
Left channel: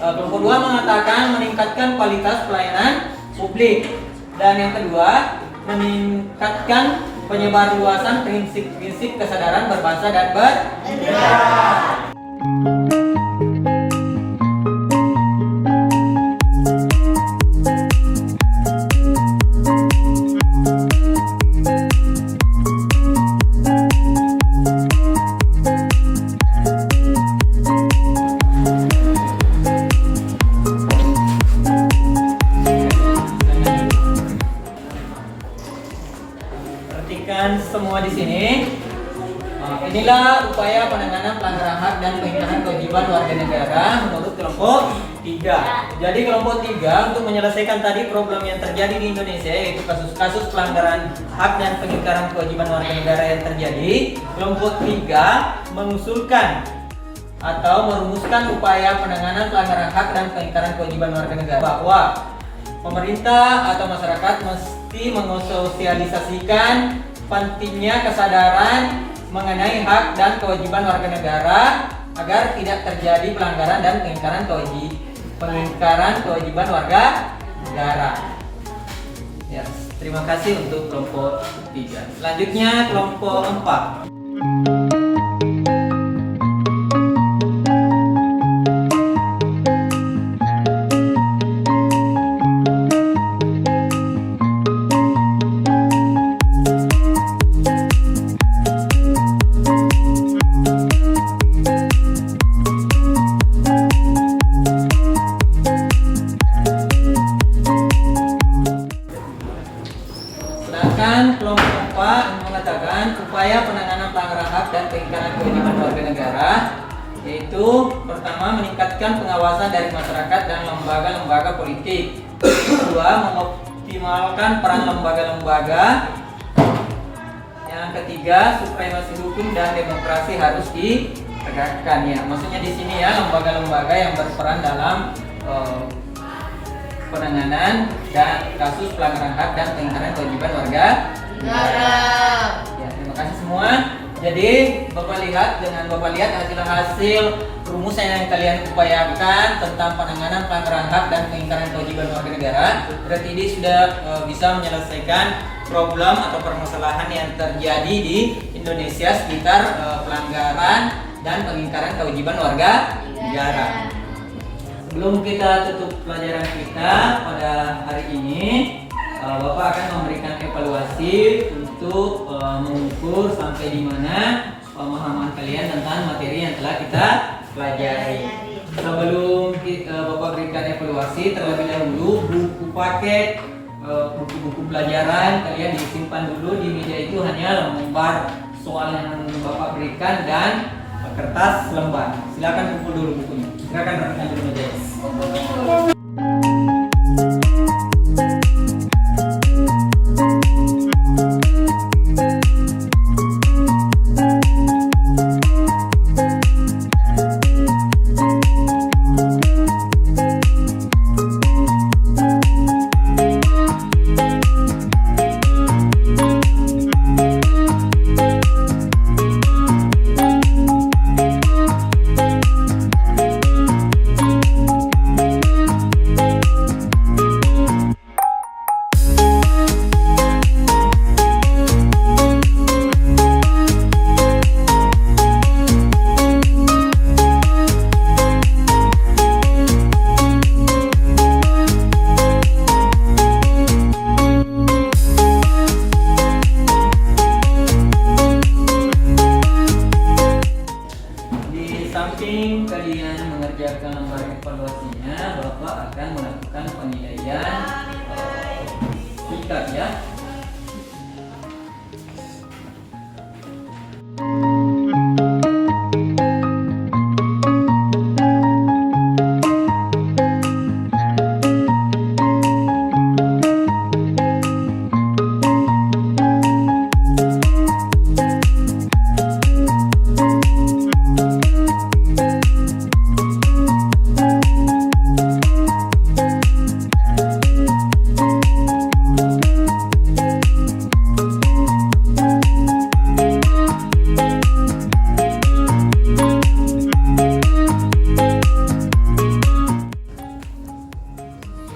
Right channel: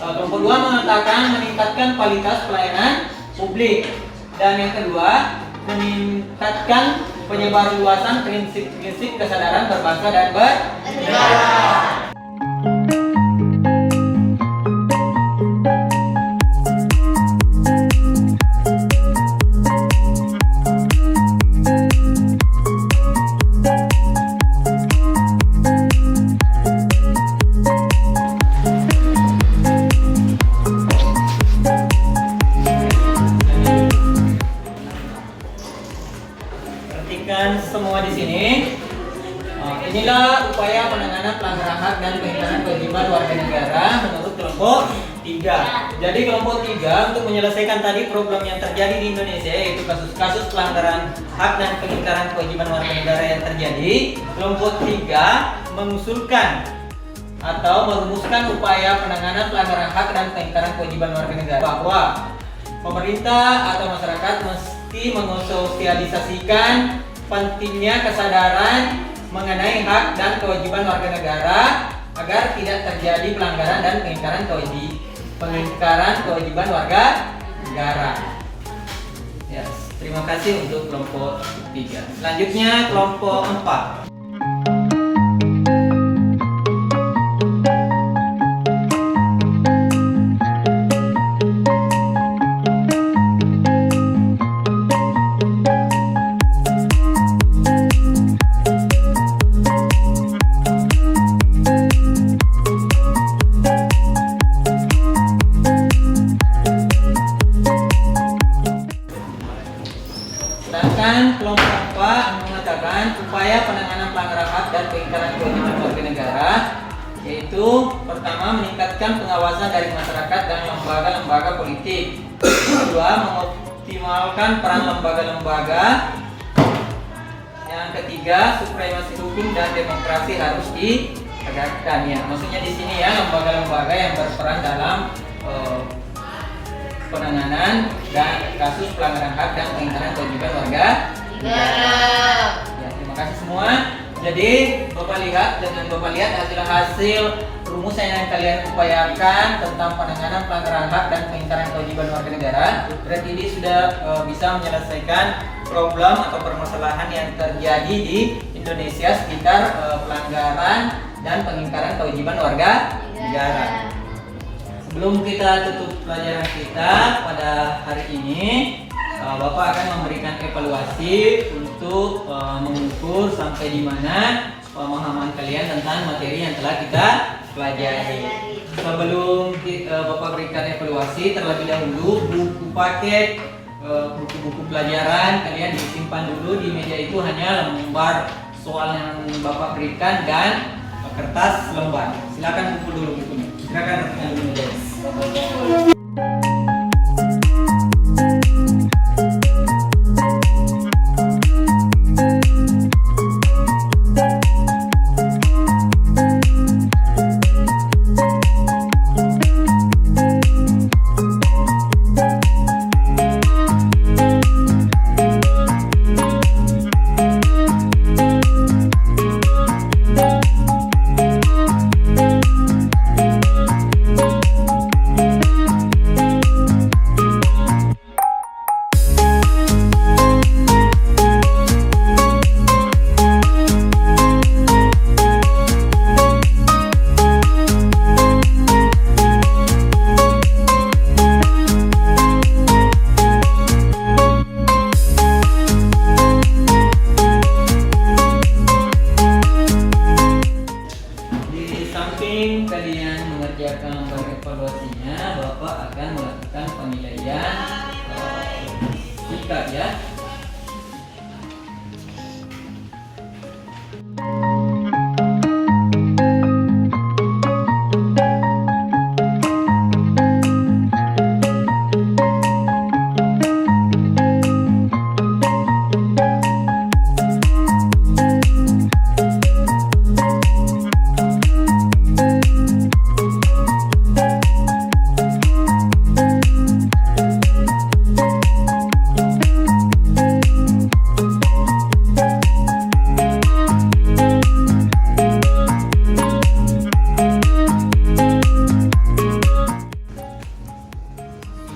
kelompok 2 mengatakan meningkatkan kualitas pelayanan publik. Dan yang kedua, meningkatkan penyebarluasan prinsip-prinsip kesadaran berbangsa dan bernegara. Semua di sini. Inilah upaya penanganan pelanggaran hak dan pengingkaran kewajiban warga negara menurut kelompok 3. Jadi kelompok 3 untuk menyelesaikan tadi problem yang terjadi di Indonesia, yaitu kasus-kasus pelanggaran hak dan pengingkaran kewajiban warga negara yang terjadi, kelompok 3 mengusulkan atau merumuskan upaya penanganan pelanggaran hak dan pengingkaran kewajiban warga negara bahwa pemerintah atau masyarakat mesti mensosialisasikan pentingnya kesadaran mengenai hak dan kewajiban warga negara agar tidak terjadi pelanggaran dan pengingkaran kewajiban warga negara. Yes, terima kasih untuk kelompok 3. Selanjutnya kelompok 4. Kelompok 4 mengatakan upaya penanganan pelanggaran hak dan pengingkaran kewajiban warga negara, yaitu pertama, meningkatkan pengawasan dari masyarakat dan lembaga-lembaga politik. Kedua, mengoptimalkan peran lembaga-lembaga. Yang ketiga, supremasi hukum dan demokrasi harus ditegakkan. Ya, maksudnya di sini ya, lembaga-lembaga yang berperan dalam penanganan dan kasus pelanggaran hak dan pengingkaran kewajiban warga negara. Ya, terima kasih semua. Jadi Bapak lihat hasil rumusan yang kalian upayakan tentang penanganan pelanggaran hak dan pengingkaran kewajiban warga negara. Berarti ini sudah bisa menyelesaikan problem atau permasalahan yang terjadi di Indonesia sekitar pelanggaran dan pengingkaran kewajiban warga negara. Sebelum kita tutup pelajaran kita pada hari ini, Bapak akan memberikan evaluasi untuk mengukur sampai di mana pemahaman kalian tentang materi yang telah kita pelajari. Sebelum Bapak berikan evaluasi, terlebih dahulu buku paket buku-buku pelajaran kalian disimpan dulu di meja. Itu hanya lembar soal yang Bapak berikan dan kertas lembar. Silakan kumpul dulu bukunya. Silakan rapikan dulu meja. Kalian mengerjakan lembar evaluasinya, Bapak akan melakukan penilaian sikap ya.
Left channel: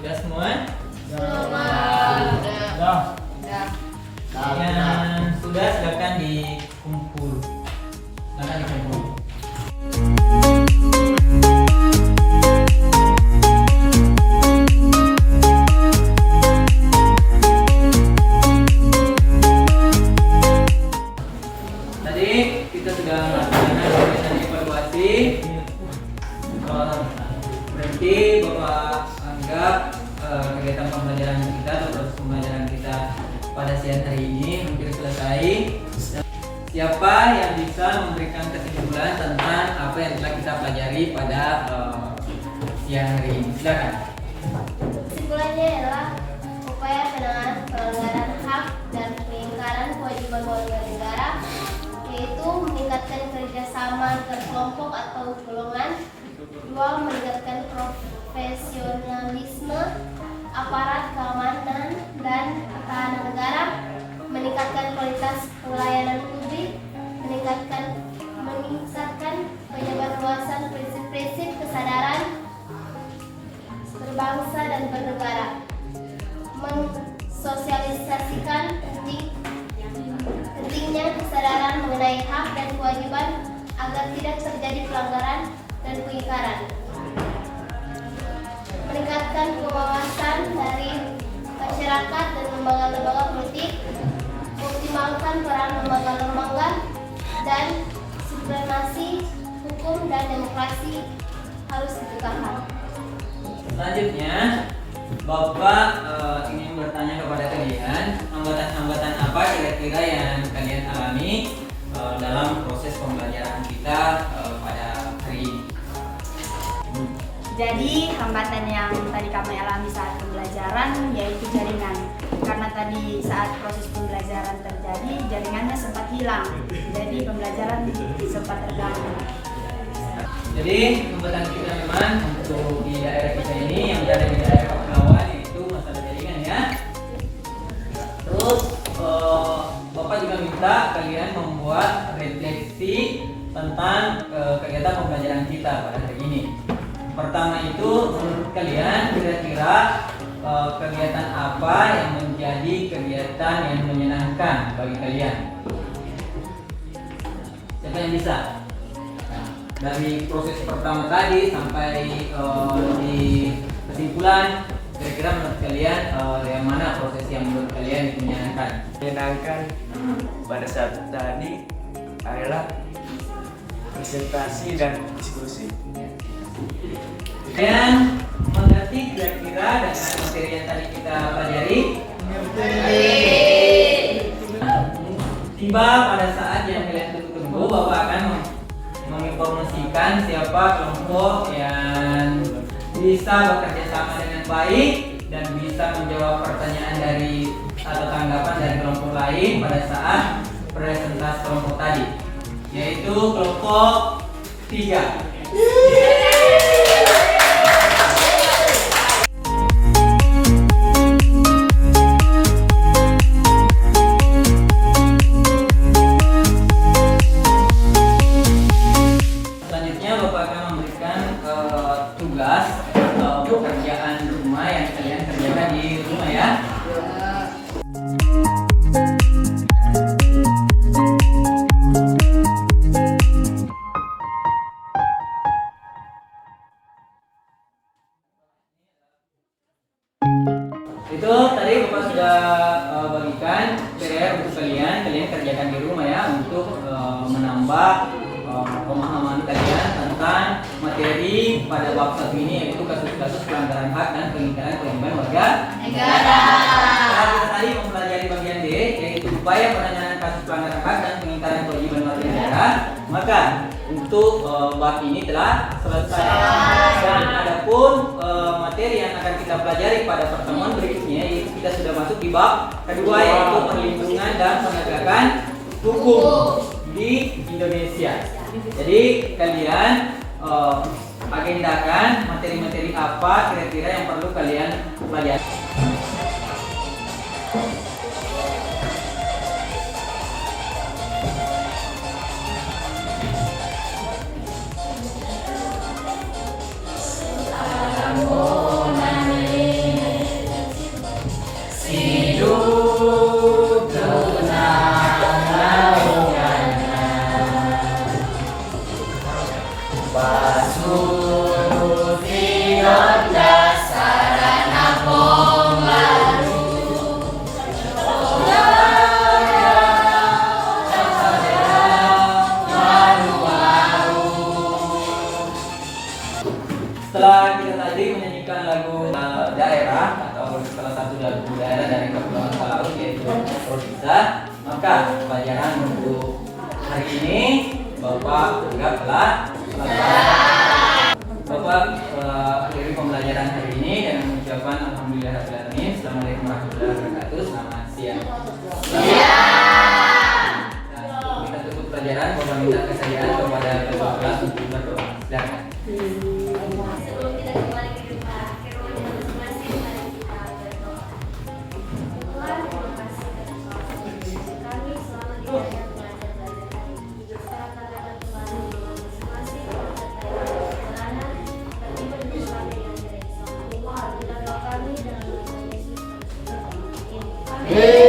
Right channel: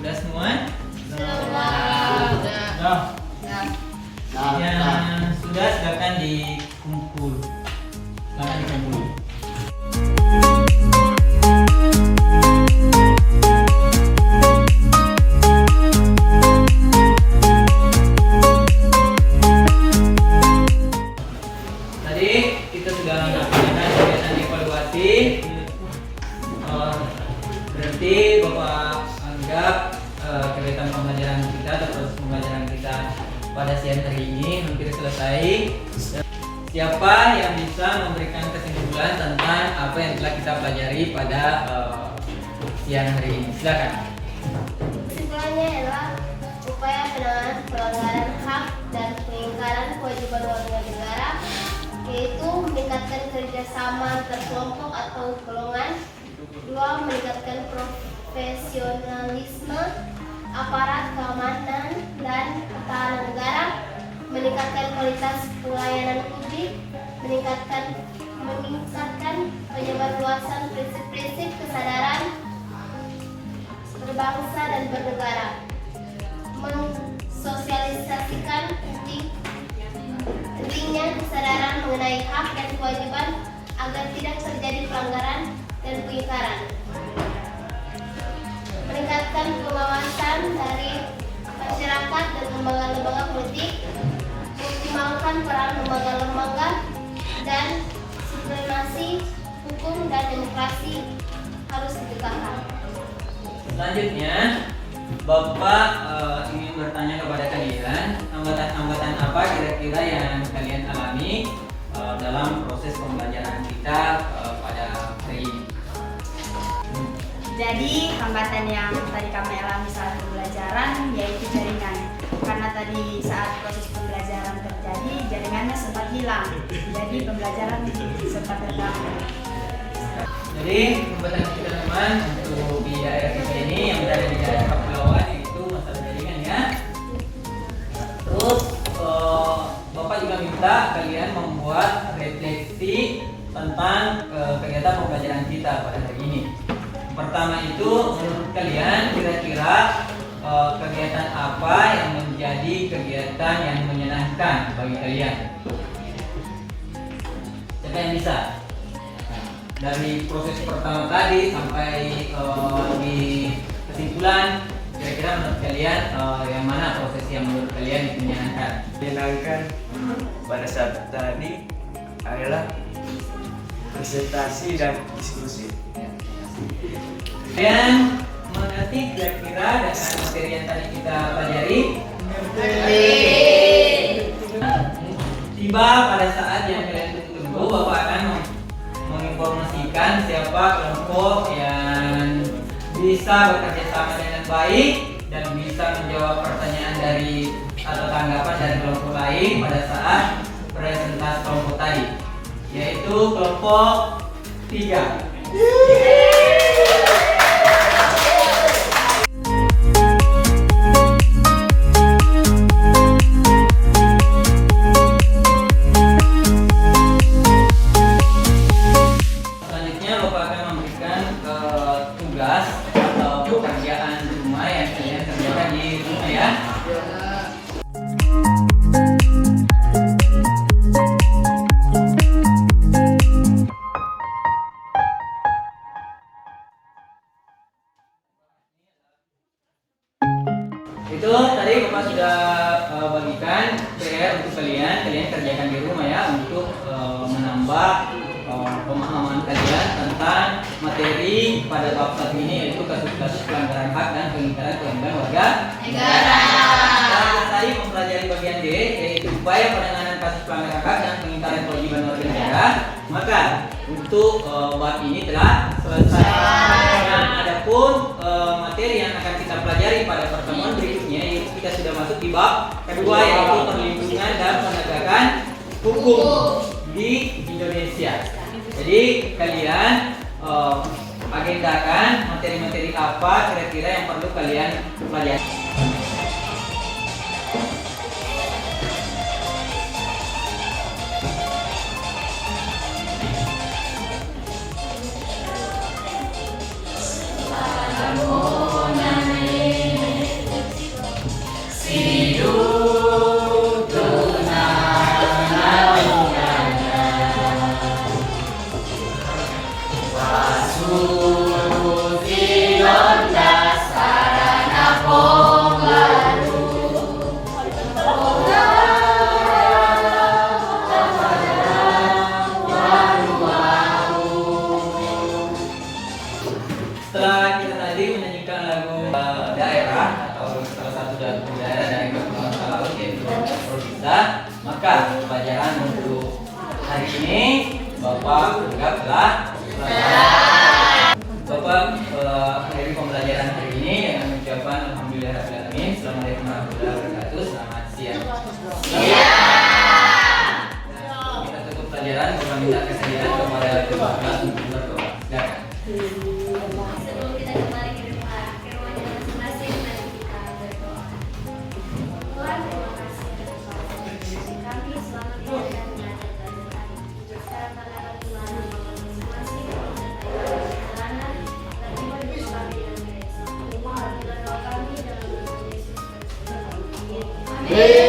Sudah semua? Yang sudah silakan dikumpul. Silakan dikumpul. Tadi kita sudah melakukan kegiatan evaluasi. Berarti Bapak anggap kegiatan pembelajaran kita atau proses pembelajaran kita pada siang hari ini hampir selesai. Siapa yang bisa memberikan kesimpulan tentang apa yang telah kita pelajari pada siang hari ini? Silakan. Kesimpulannya adalah upaya penanganan pelanggaran hak dan pengingkaran kewajiban warga negara, yaitu meningkatkan kerjasama antar kelompok atau golongan. 2. Meningkatkan profesionalisme aparat keamanan dan pertahanan negara, meningkatkan kualitas pelayanan publik, meningkatkan penyebarluasan prinsip-prinsip kesadaran berbangsa dan bernegara, mensosialisasikan pentingnya kesadaran mengenai hak dan kewajiban agar tidak terjadi pelanggaran dan pengingkaran, meningkatkan pengawasan dari masyarakat dan lembaga-lembaga politik, optimalkan peran lembaga-lembaga dan supremasi hukum dan demokrasi harus ditegakkan. Selanjutnya, Bapak ingin bertanya kepada kalian, hambatan-hambatan apa kira-kira yang kalian alami dalam proses pembelajaran kita pada hari ini? Jadi hambatan yang tadi kami alami saat pembelajaran yaitu jaringan. Karena tadi saat proses pembelajaran terjadi jaringannya sempat hilang. Jadi pembelajaran sempat terganggu. Jadi hambatan kita memang untuk di daerah kita ini yang berada di daerah kepulauan itu masalah jaringan ya. Terus Bapak juga minta kalian membuat refleksi tentang kegiatan pembelajaran kita pada hari ini. Pertama itu menurut kalian kira-kira kegiatan apa yang menjadi kegiatan yang menyenangkan bagi kalian? Siapa yang bisa? Dari proses pertama tadi sampai di kesimpulan, kira-kira menurut kalian yang mana proses yang menurut kalian menyenangkan? Menyenangkan pada saat tadi adalah presentasi dan diskusi. Dan mengerti kira-kira dengan materi yang tadi kita pelajari? Tiba pada saat yang kalian tunggu, Bapak akan menginformasikan siapa kelompok yang bisa bekerja sama dengan baik dan bisa menjawab pertanyaan dari atau tanggapan dari kelompok lain pada saat presentasi kelompok tadi, yaitu kelompok 3. Selanjutnya Bapak akan memberikan tugas atau pekerjaan rumah yang kalian kerjakan di rumah ya. Itu tadi Bapak sudah bagikan PR untuk kalian kerjakan di rumah ya, untuk menambah pemahaman kalian tentang materi pada bab 1 ini, yaitu kasus-kasus pelanggaran hak dan pengingkaran kewajiban warga negara. Kita tadi mempelajari bagian D, yaitu upaya penanganan kasus pelanggaran hak dan pengingkaran kewajiban warga negara. Maka untuk bab ini telah selesai. Dan adapun materi yang akan kita pelajari pada pertemuan berikutnya, yaitu kita sudah masuk di bab kedua, yaitu perlindungan dan penegakan hukum di Indonesia. Jadi kalian agendakan materi-materi apa kira-kira yang perlu kalian pelajari. Setelah kita tadi menyanyikan lagu daerah atau salah satu lagu daerah dari Kepulauan Talaut, yaitu Provisa, maka pelajaran untuk hari ini Bapak anggap telah selesai. Bapak akhiri pembelajaran hari ini dengan mengucapkan Alhamdulillahirabbil alamin. Assalamualaikum warahmatullahi wabarakatuh. Selamat siang. Kita tutup pelajaran. Bapak minta kesediaan kepada ketua kelas untuk berdoa. Silakan. Sebelum kita kembali ke rumahnya masing-masing, mari kita berdoa. Tuhan, terima kasih atas waktu kami selalu dijaga belajar hari. Secara terhadap Tuhan menolong masing-masing, sertai kami perjalanan, bagi berdua kami yang dari sama. Kita doa kami dalam nama Yesus Kristus. Amin.